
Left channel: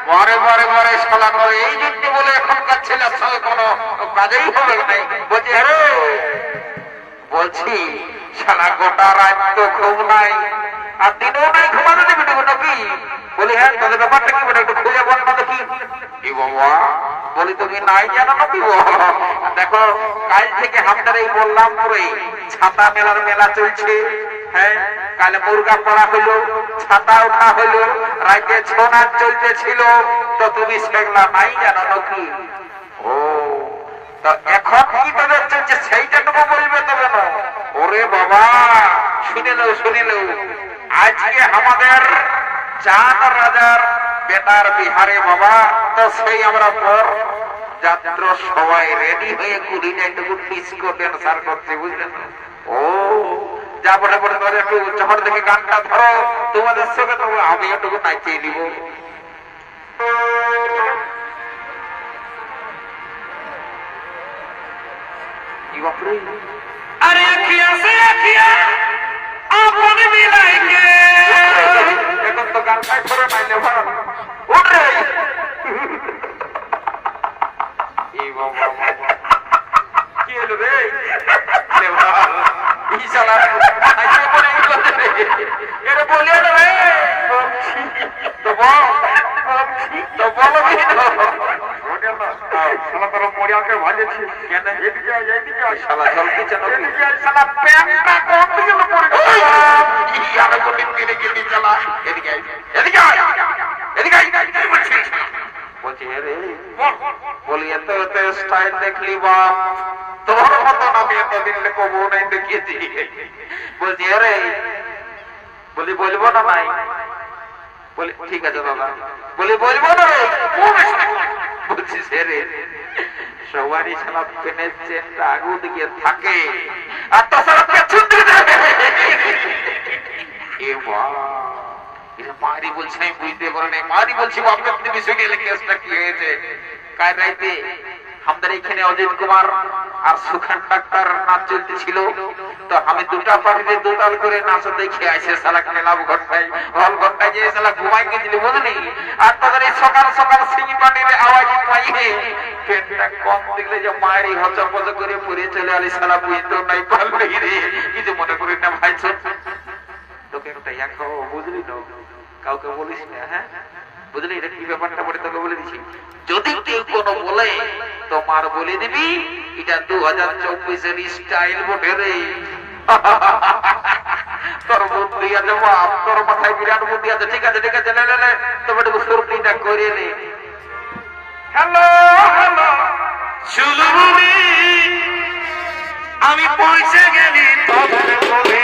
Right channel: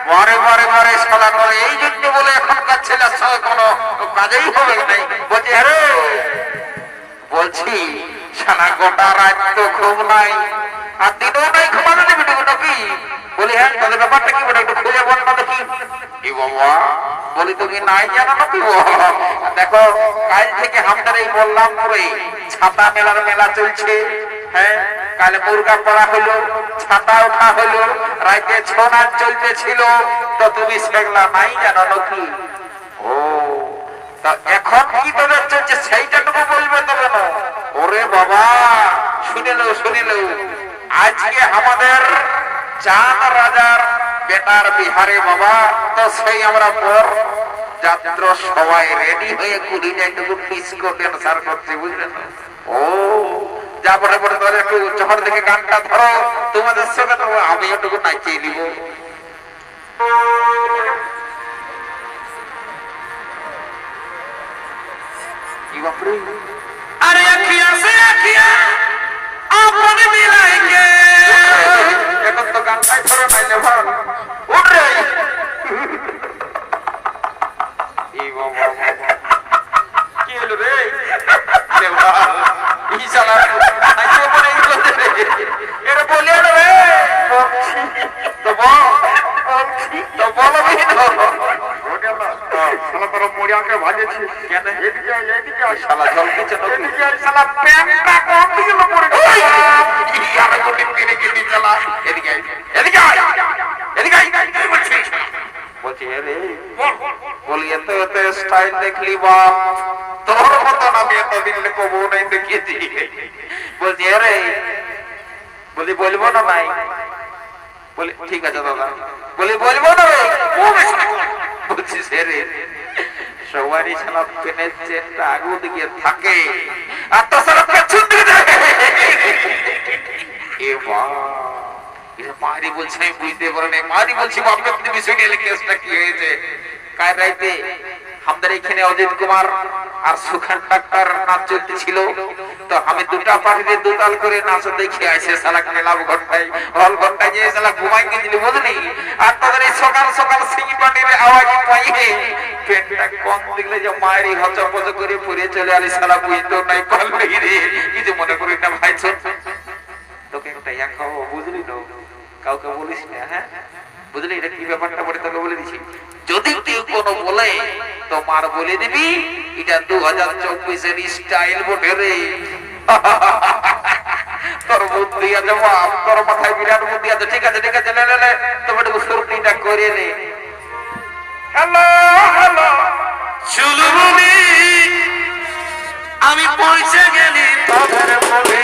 পরে পরে পরে শালা করে এই জন্য বলে এখনকার ছেলের সঙ্গে কোনো কাজেই হবে নাই। বলছি আরে বলছি সারা গোটা রাত তো ঘুম নাই, আর দিনও নাই, ঘুমানো দেবে নাকি? বলি হ্যাঁ, তাদের ব্যাপারটা কি বলে একটু খুঁজে বল না দেখি। কি বাবা বলি তুমি নাই জানো নাকি? দেখো কাল থেকে আমাদের এই বললাম করে ছাতা মেলার মেলা চলছে। হ্যাঁ, কালে মুরগা পড়া হলো, ছাতা ওঠা হলো, রাইতে ছৌ নাচ চলতেছিল, তো তুমি সেগুলা নাই জানো নাকি? ও তা এখন কি তোদের চলছে সেইটাটুকু বলবে তবে না? ওরে বাবা শুনিল আজকে আমাদের চাঁদ রাজার বেটার বিহারে বাবা, তো সেই আমরা পর যাত্র সবাই রেডি হয়ে কুলিনে একটু ডিস্কো ড্যান্সার করছে, বুঝলেন? ও যা বটে বটে ধরে একটু যখন থেকে গানটা ধরো তোমাদের সঙ্গে, তো আমি একটু নাচিয়ে দিব। अरे अखियां से अखियां आपन मिलाएंगे, এখন তো গান গাই ধরে নাই নে ভাই, উঠ রে। এই বাবা কি হলো রে? লে ভাই ই শালা আইছে বলে এর বলে রে তো বলো শালা তোর মরিয়াকে ভাজেছি কেন? এদিকে এদিকে শালা জল দিচ্ছে না, এদিকে শালা প্যান্টটা কোন দিকে পড়ে গেল? আমি তো টেনে গেলি শালা, এদিকে এদিকে এদিকে এদিকে বলছিস? বলছি রে বলি এত এত স্টাইল দেখলি বাপ, তোর মতন আমি এতদিন কবো নাই দেখিয়েছি। বলছি রে বলি বলবো না ভাই, বলে ঠিক আছে দাদা। বলে বলবো না রে, ও বেশ না। বলছি সে রে সবারই শালা পেনের চেনটা আগু দিকে থাকে আর তো শালা পেছন দিকে থাকে। এ মা, এ মারি বলছে আমি বুঝতে পারি না। মারি বলছি বাপকে আপনি বিষয় নিয়ে কেসটা কি হয়েছে? কাল রাইতে আমাদের এখানে অজিত কুমার আর সুখান ডাক্তার নাচ চলতেছিল, তো আমি দুটা পার্টিতে দুতাল করে নাচ দেখে আসে শালা ক্লাব ঘন্টায় হল ঘন্টায় যে শালা ঘুমাই গেছিলি বুঝলি। আর তোদের এই সকাল সকাল সিঙ্গি পাটির আওয়াজ পাইয়ে পেটটা কম দেখলে যে মায়েরই হচপচ করে পড়ে চলে আলি শালা বুঝতেও নাই পারলি রে। কিছু মনে করি না ভাই, ছোট তোকে ওটাই খাবো বুঝলি তো, কাউকে বলিস না। হ্যাঁ বুঝলি, এটা কি ব্যাপারটা বলে তোকে বলে দিচ্ছি। যদি কেউ কোনো বলে তো মার বলে দিবি এটা 2024-এর স্টাইল বটে রে। তোর বুদ্ধি আছে বাপ, তোর মাথায় বিরাট বুদ্ধি আছে। ঠিক আছে ঠিক আছে, নে নে নে তবে একটু ফুর্তিটা করে নে। হ্যালো হ্যালো চুলুমনি, আমি পৌঁছে গেলি তোদের বলে।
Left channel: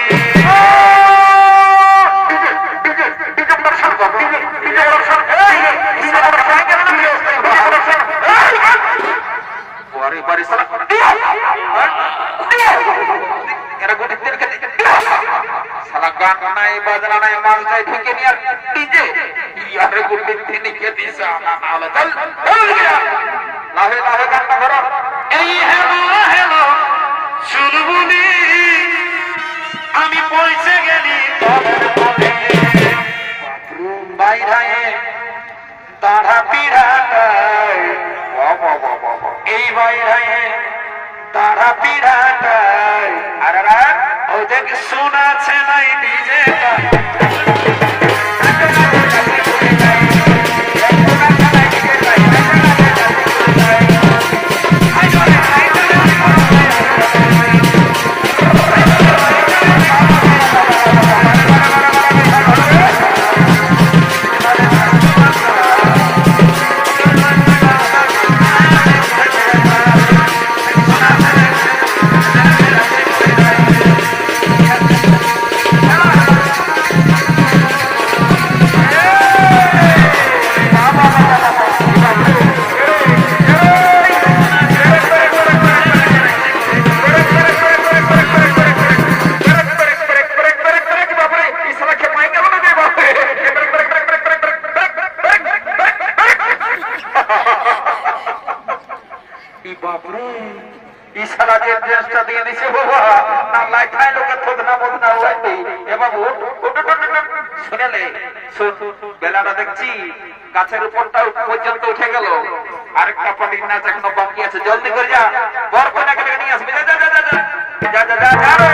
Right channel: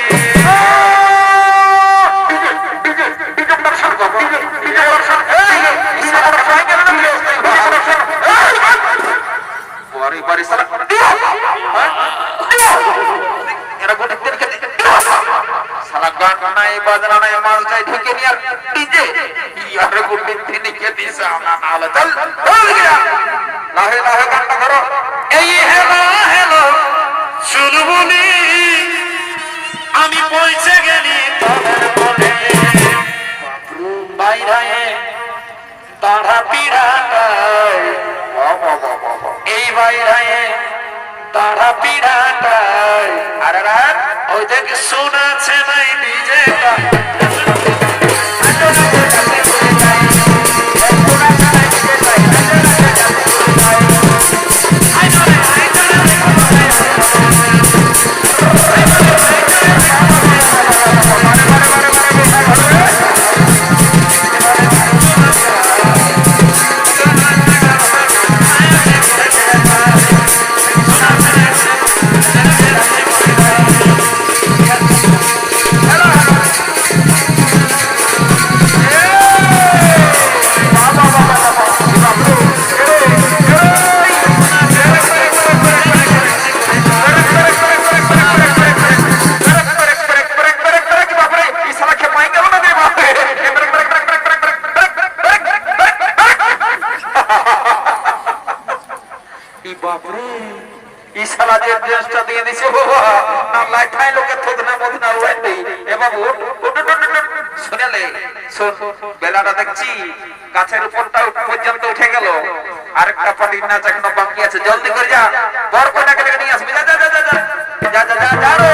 বাজনা নাই মাল চাই ঢুকে নিয়ে ডিজে ইয়ার গুন্ডি তিনি কে দিছে না না হলো চল চল গিয়া লাহে লাহে গানটা ধরো। এই হ্যালো হ্যালো চুলবুলি, আমি পৌঁছে গেলি তোদের বলে। বাইরে তারা পিড়াটাই, এই বাইরে তারা পিড়াটাই। আর ওই দেখে শোনাছে নাই ডিজেটা। বেলাটা দেখছি গাছের উপরটা পর্যন্ত উঠে গেল, আরেকটা পাটির নাচ এখনো বাকি আছে। জলদি করে যা, বর কন্যাকে ডেকে নিয়ে আসবি। যা যা যা যা যা যা যা যা রে।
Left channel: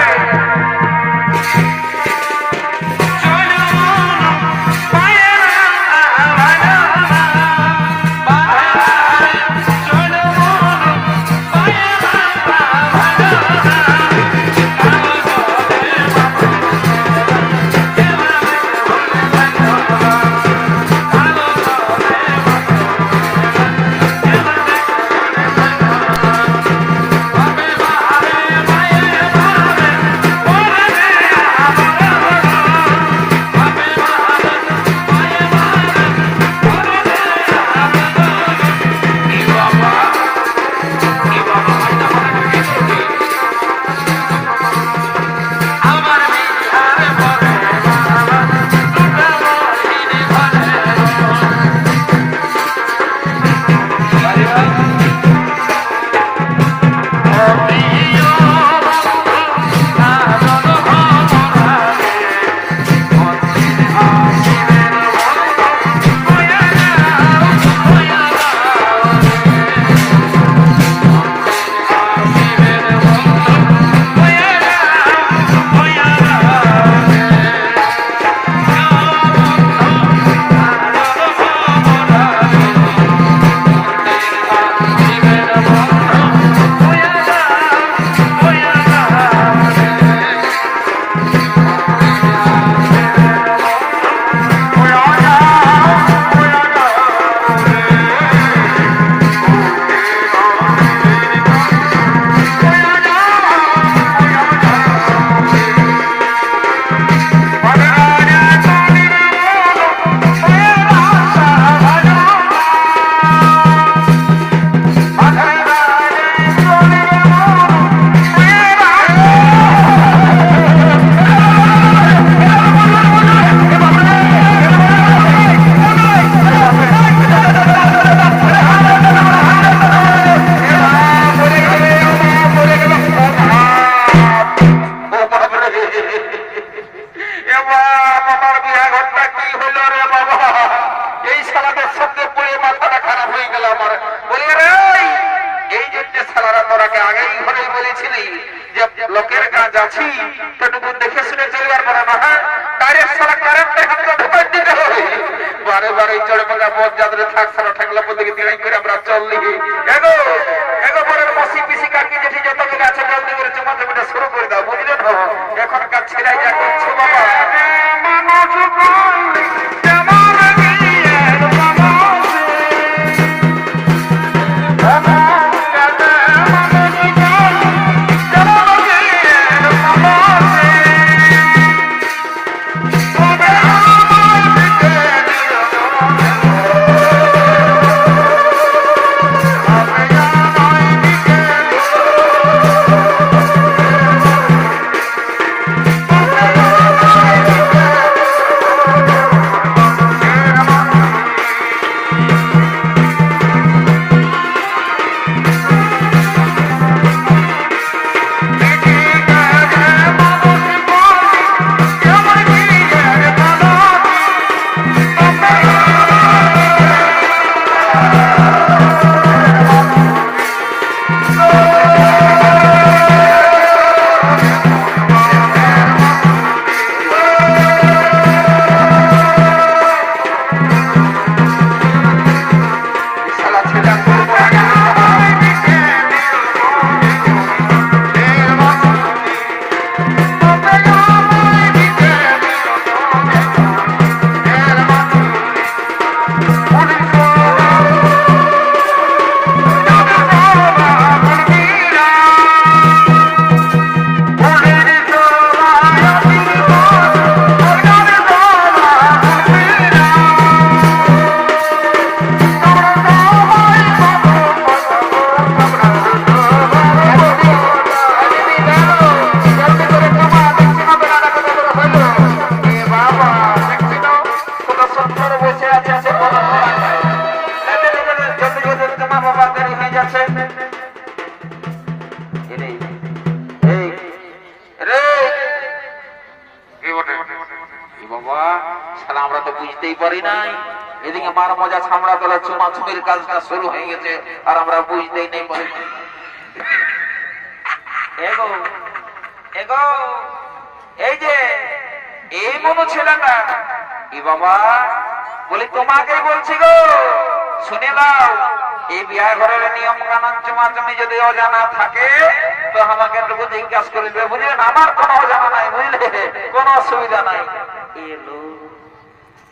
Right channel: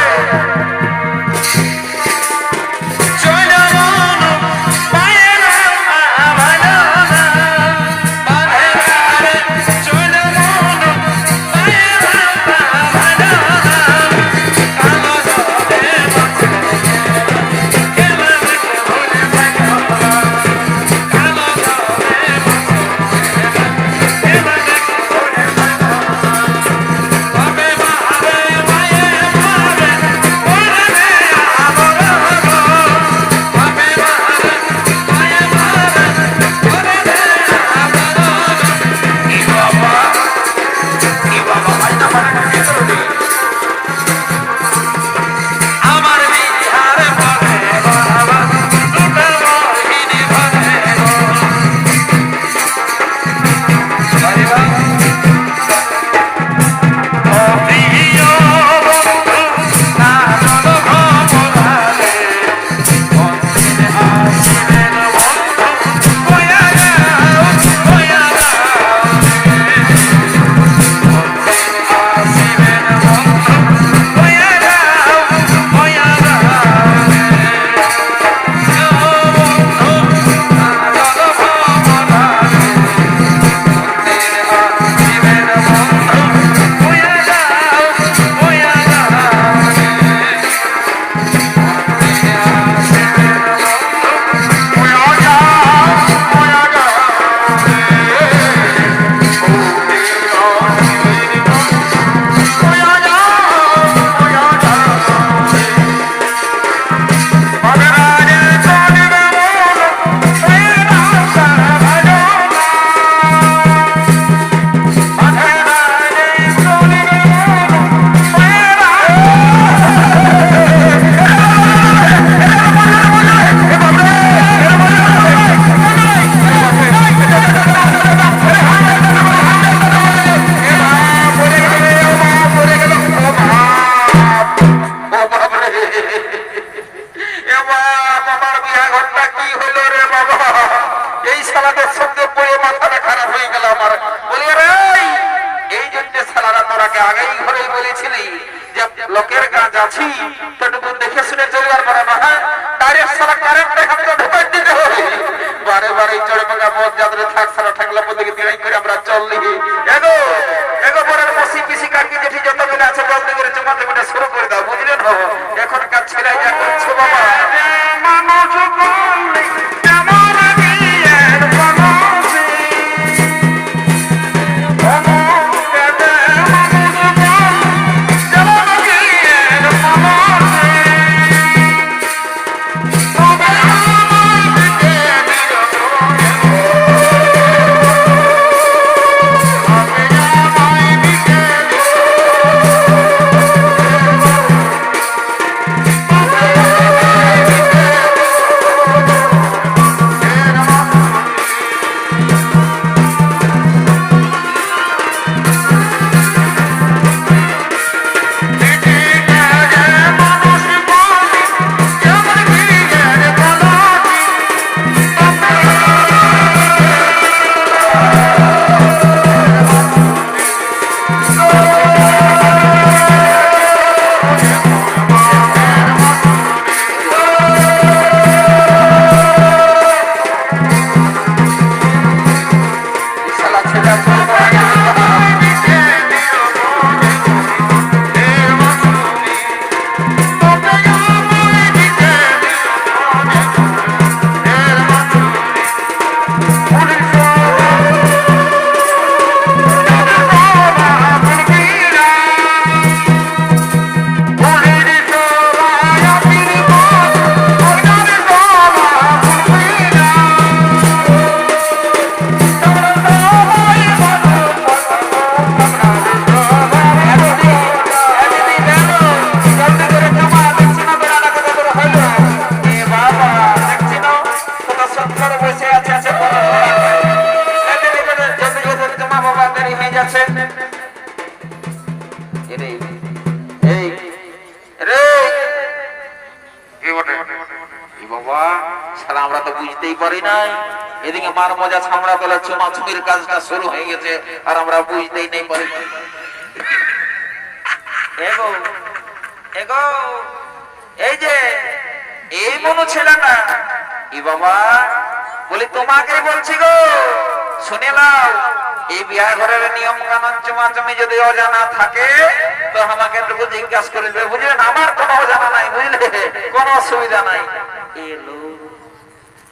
শালাদের সঙ্গে পড়ে মাথাটা খারাপ হয়ে গেল আমার। বলি রে এই জন্য শালারা তোরাকে আগেই ঘরেই বলেছিলি যে লোকের কাজ আছি তোটুকু দেখে শুনে চলবার পারে না। হ্যাঁ ডাইরেক্ট শালা কারেন্টে হাতটা ঢুকাই দিতে হবে। বারে বারে চড়ে পাকা পথ যাত্রা থাক সারা ঠাকলা পথে দিকে করে আমরা চললি। এগো এগো পরের মসি পিসি কাকি জেঠি যত মিলে আছে জলদি করে চুমাতে মিটে শুরু করে দাও, বুঝলে তো? এখনকার ছেলেই যা করছে বাবা। মানুষ বললি কেমন বিয়ের বনসে, মানুষ বললি কেমন বিয়ের বনসে, তবে আমার দিকে দিও মনে, তবে আমায় দিকে শালা ছেলে আমরা তো বুঝতেই পারি না। এদিকে মার মজা ছামড়া তোলা চুমাচুমির কাজটা শুরু হয়ে গেছে আর আমরা বুঝতেই নেই পারি। এগো এগো এই যে এই মনো ছিল না এ বাবা, বলি তোমাকেই বলছি গো, শুনে নাও। এই বিয়ে ঘরের নিয়ম কানুন চুমাচুমি যদি অজানা থাকে তো আমাকে একটু জিজ্ঞাসা করে দেবে, বুঝলেন? আমার কোনো অজানা নাই, বুঝলে, কোনো অসুবিধা নাই। এলো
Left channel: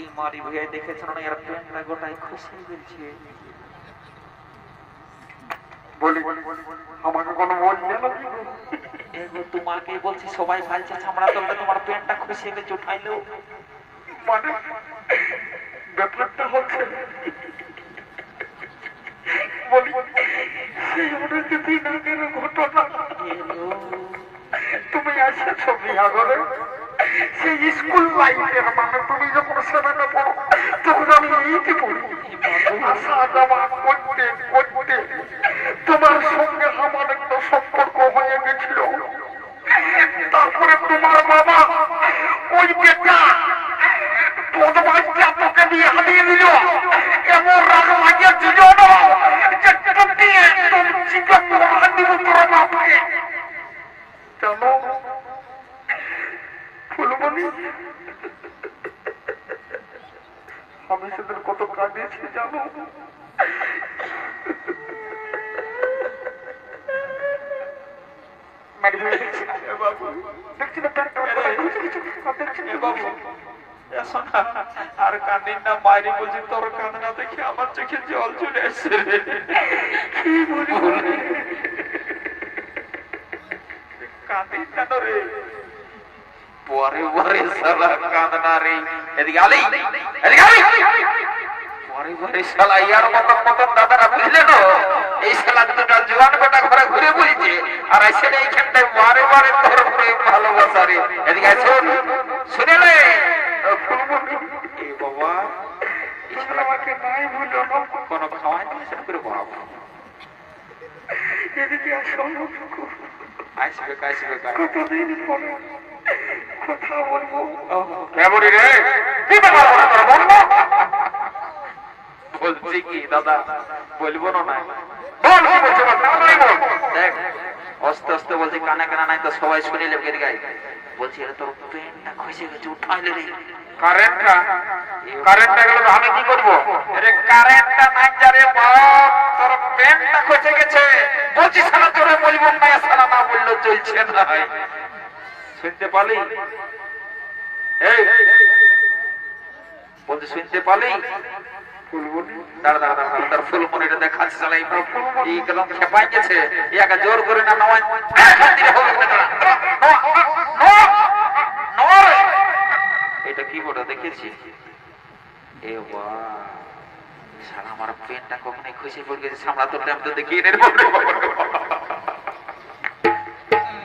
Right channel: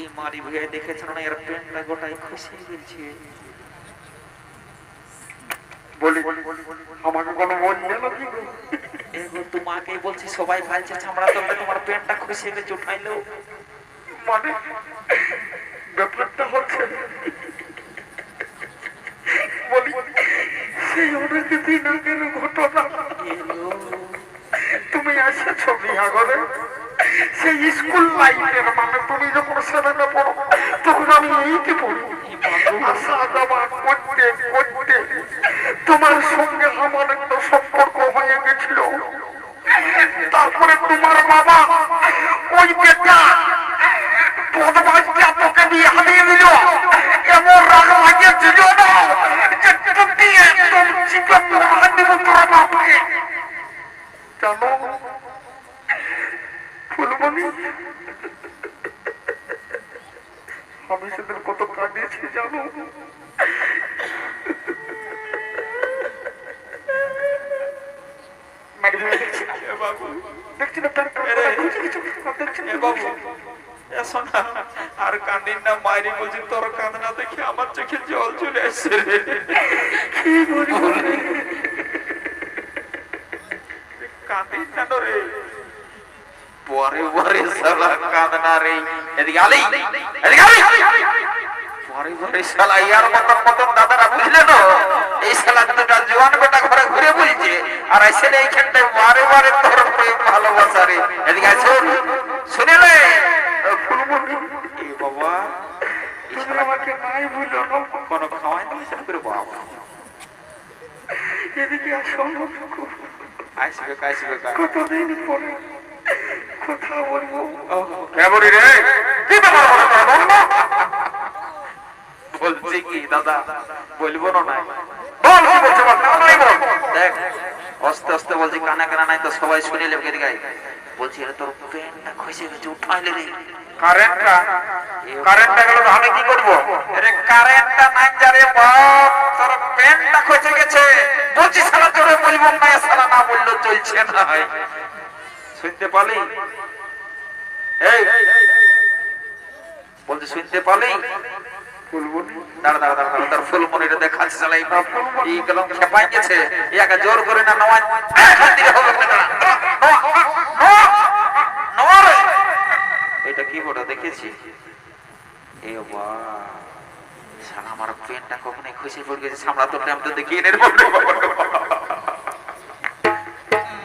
এই মারি ভুয়ে দেখেছিল না, এর প্রেমটা গোটাই খুশি বলছে। বলি আমাকে কোনো বলবে নাকি? এগো তোমাকেই বলছি, সবাই ভালছে চামড়া তোলে তোমার প্যান্টটা খুশি হয়ে উঠাইলো। মানে ব্যাপারটা হচ্ছে বলি সেই অনেক দিন আগের ঘটনা। তুমি এসেছো বিয়া করে সেই স্কুল লাইফের, মানে তুমি যখন সেভেনে পড়ো তখন আমি এইটি পড়ি। আসা যাওয়া করতে করতে তোমার সঙ্গে আমার একটা সম্পর্ক হয়ে গেছিল। তারপরে তোমার বাবা ওই বেটা বদমাইশটা তোকে বিয়ে দিয়ে দিল। এমন রাগ লাগিয়েছিল না যে টুটি একদম চিকন মারা দিব তোর বাপকে। জানো ফুলমণি, আমি সেদিন কত কাঁদিয়েছি জানো। আর কান্দিন না, মায়ের বলছি তোর কান্না দেখে আমার চোখে জল চলে আসছে। কান্দিন কেন রে? পরে পরে শালা কাঁদনা রে। এদিকে আলি, এদিকে আলি। পরে পরে শালা ইয়ার মতন মতন দাদারা, বুঝলে তো? এই শালা দুটা জোয়ান বেটা ঘরে ঘুরে বলছে আর এসে এইখানটায় বারে বারে তোর প্রেম ভালোবাসা রে। এদিকে আসো, শুনে লে বাবা, আমাকে নাই বুঝলো না, কোনো খাওয়াই না করে বাবা। এদিকে আসো, আসবে আসবে কতদিন পরে কথা বলবো। কেমন রে? কি ব্যাপার বলো তোরা, বল না? বলছি কি দাদা বলবো না নাই বল কি বলছে বল তাড়াতাড়ি বল। দেখ আস্তে আস্তে বলছি কানে কানে নাই তো সবাই শুনে লেবে গাই বলছি আরে তোর পেনটা খসে গেছে উঠাইলে রে কারেন্টটা গেল তো আমি কি করবো? আরে কারেন্টটা নাই যারে বাপ তোর পেনটা খসে গেছে বলছি সারা তোরে বলবো না সারা না বললো চলছে না শুনতে পালি? এই বলছি শুনতে পালি ফুলবনি দাঁড়া দাঁড়া দাঁড়া দাঁড়া, তার ফুলমনিটা দেখাচ্ছে শালা এই কলম খেপাই গেছে ইয়াকে জোর করে না নয় এটা কি বড় দেখেছি এ বাহ শালা আমার পেনটা কখনোই খুশি পড়ে গেছে সামলা তো প্রেম তো দেখিয়ে নে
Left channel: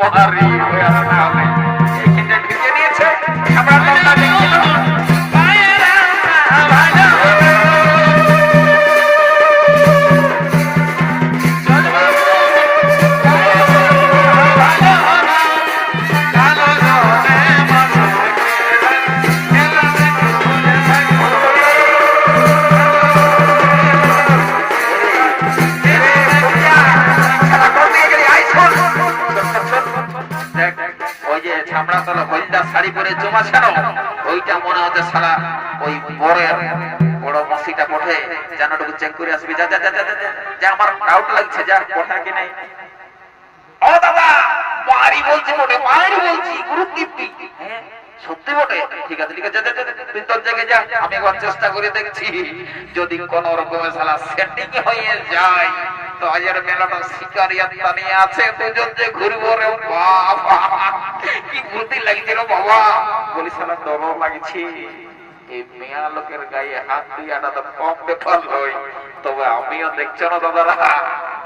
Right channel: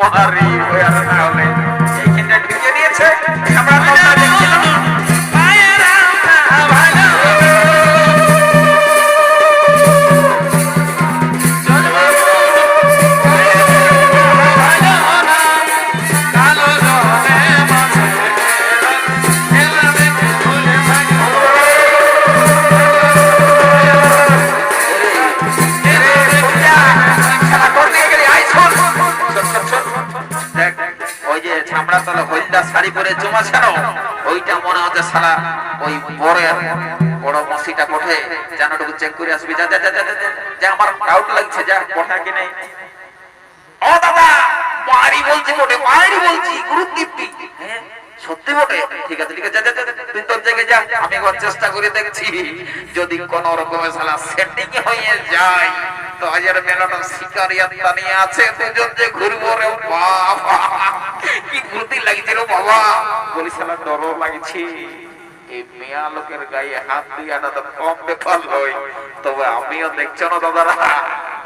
মারি ওই আর না হবে এইখানটা ঢুকে নিয়েছে আমরা তোমরা দেখছি মায়েরা ভালো শাড়ি পরে জমা ছিল ওইটা মনে হচ্ছে সারা ওই বরের বড় মসিটা কোঠে জানাটুকু চেক করে আসবি যা যা যা যা যা আমার ডাউট লাগছে যা কোঠা কি নাই ও দাদা মারি বলছি কোঠে মারি বলছি গুরুদীপ্তি সত্যি বটে ঠিক আছে ঠিক আছে যা যা তুই তোর জায়গায় যা আমি একবার চেষ্টা করে দেখছি যদি কোন রকমে শালা সেটিং হয়ে যায় তো আজের মেলাটা শিকারিয়াত নিয়ে আছে দুজন যে ঘুরবো রে বাবা কি ভূতি লাগছে রে বাবা বলি শালা ডর লাগছে এই মেয়া লোকের গায়ে হাত দিয়াটা তো কম ব্যাপার নয় তবে আমিও দেখছো না দাদারা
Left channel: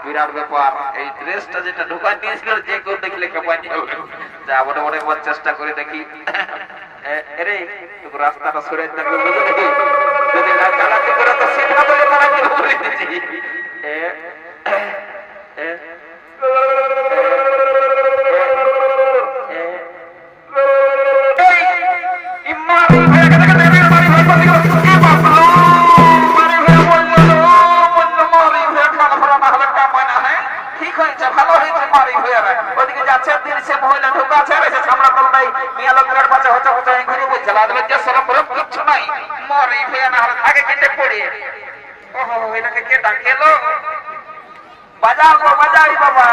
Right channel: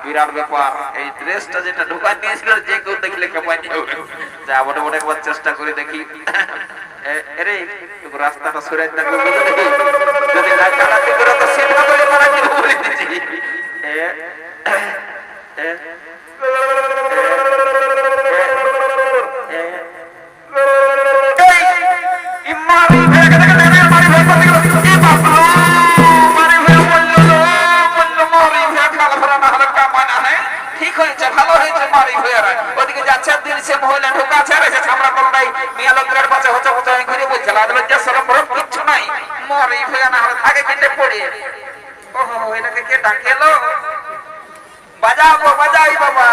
বিরাট ব্যাপার এই ড্রেসটা যেটা ঢুকাই নিয়েছিল যে কেউ দেখলে কেপাই নিয়ে যা বটে বটে একবার চেষ্টা করে দেখি আরে রাস্তাটা সরে থাকবে যদি না চালাতে করে তো সেটা বলে মারা কি বলে দিছি ঠিক হয়েছে ভালো হয়েছে মারি হয়ে ওদিকে যাচ্ছে দিন সে মহিলা ঢোকা আছে আর এসে সামরা তলটাই মিয়া লোকের পাশে হচ্ছে হচ্ছে ঘুরে বলছে লজ্জা সরম বরফ কিচ্ছু নাই মারি হয়ে না আগে কেটে পড়ে ওহো এটাকে কে ডাকেলো বাজাও গো বাজাই বাবা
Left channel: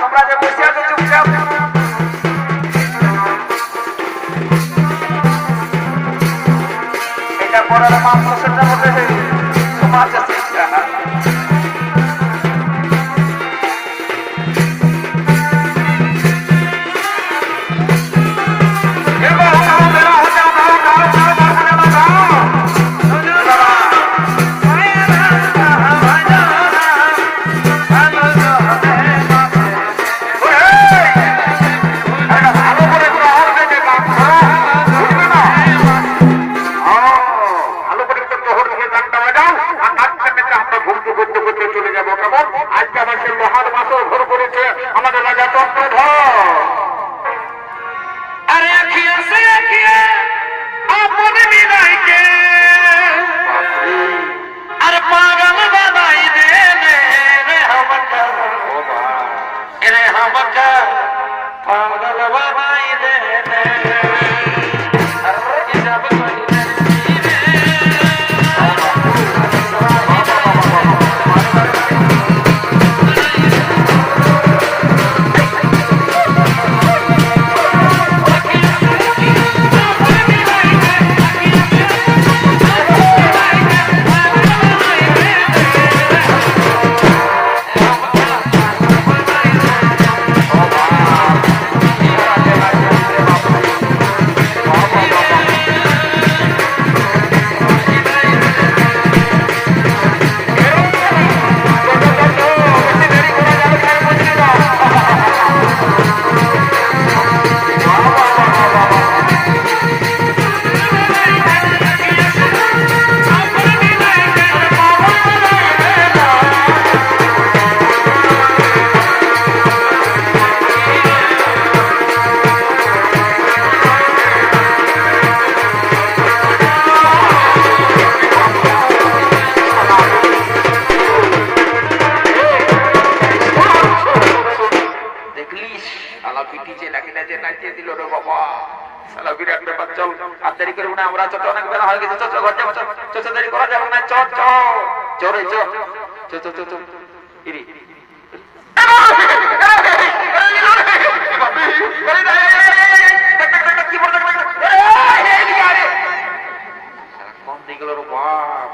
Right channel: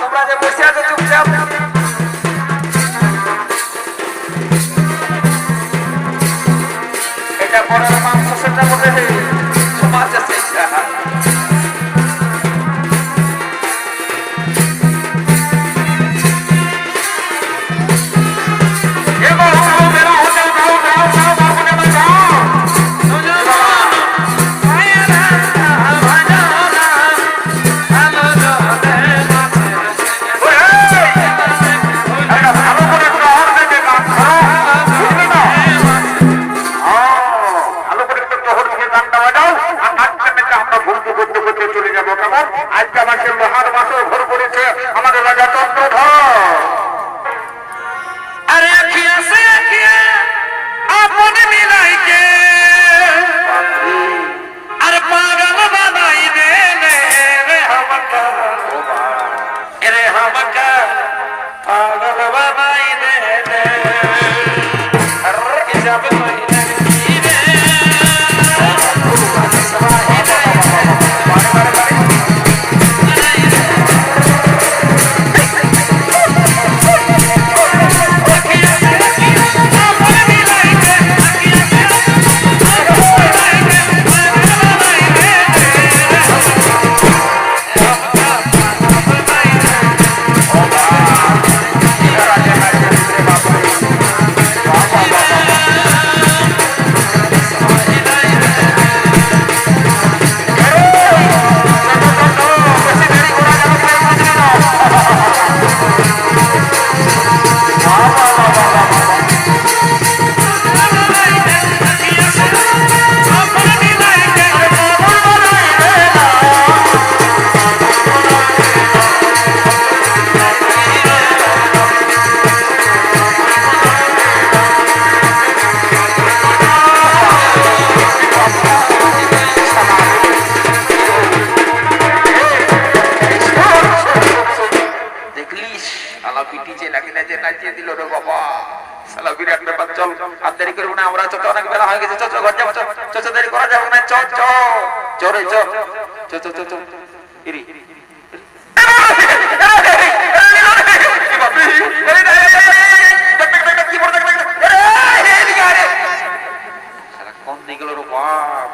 তোমরা যে বসে আছো চুপচাপ এটা বড় মাম প্রসেসটা বটে সমাজ আছে আমরা ছোট অনেক বেলা হয়ে গেছে, ঘর যাবো, দেরি করা যাবে না, চরে কম দিগুলো বাপ,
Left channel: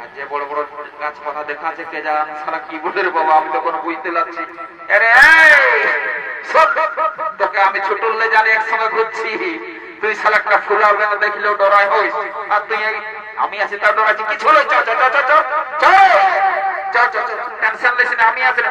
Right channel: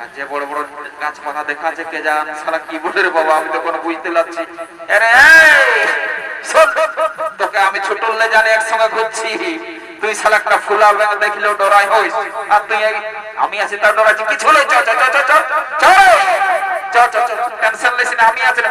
আর যে বড় বড় গাছপালা দেখা আছে কে জান সারা কি বলে রে বাবা, আমি তো কোনো বুঝতে পারছি। তোকে আমি ছোট জানি একসঙ্গে ঘুরছি, তুই শালা একটা ফুলা দেখলেও ডরাই হইস, আর তুই আমি আছি তার ডরাচ্ছি কিছু হলো। টেনশন নিস না, আমি আছি না।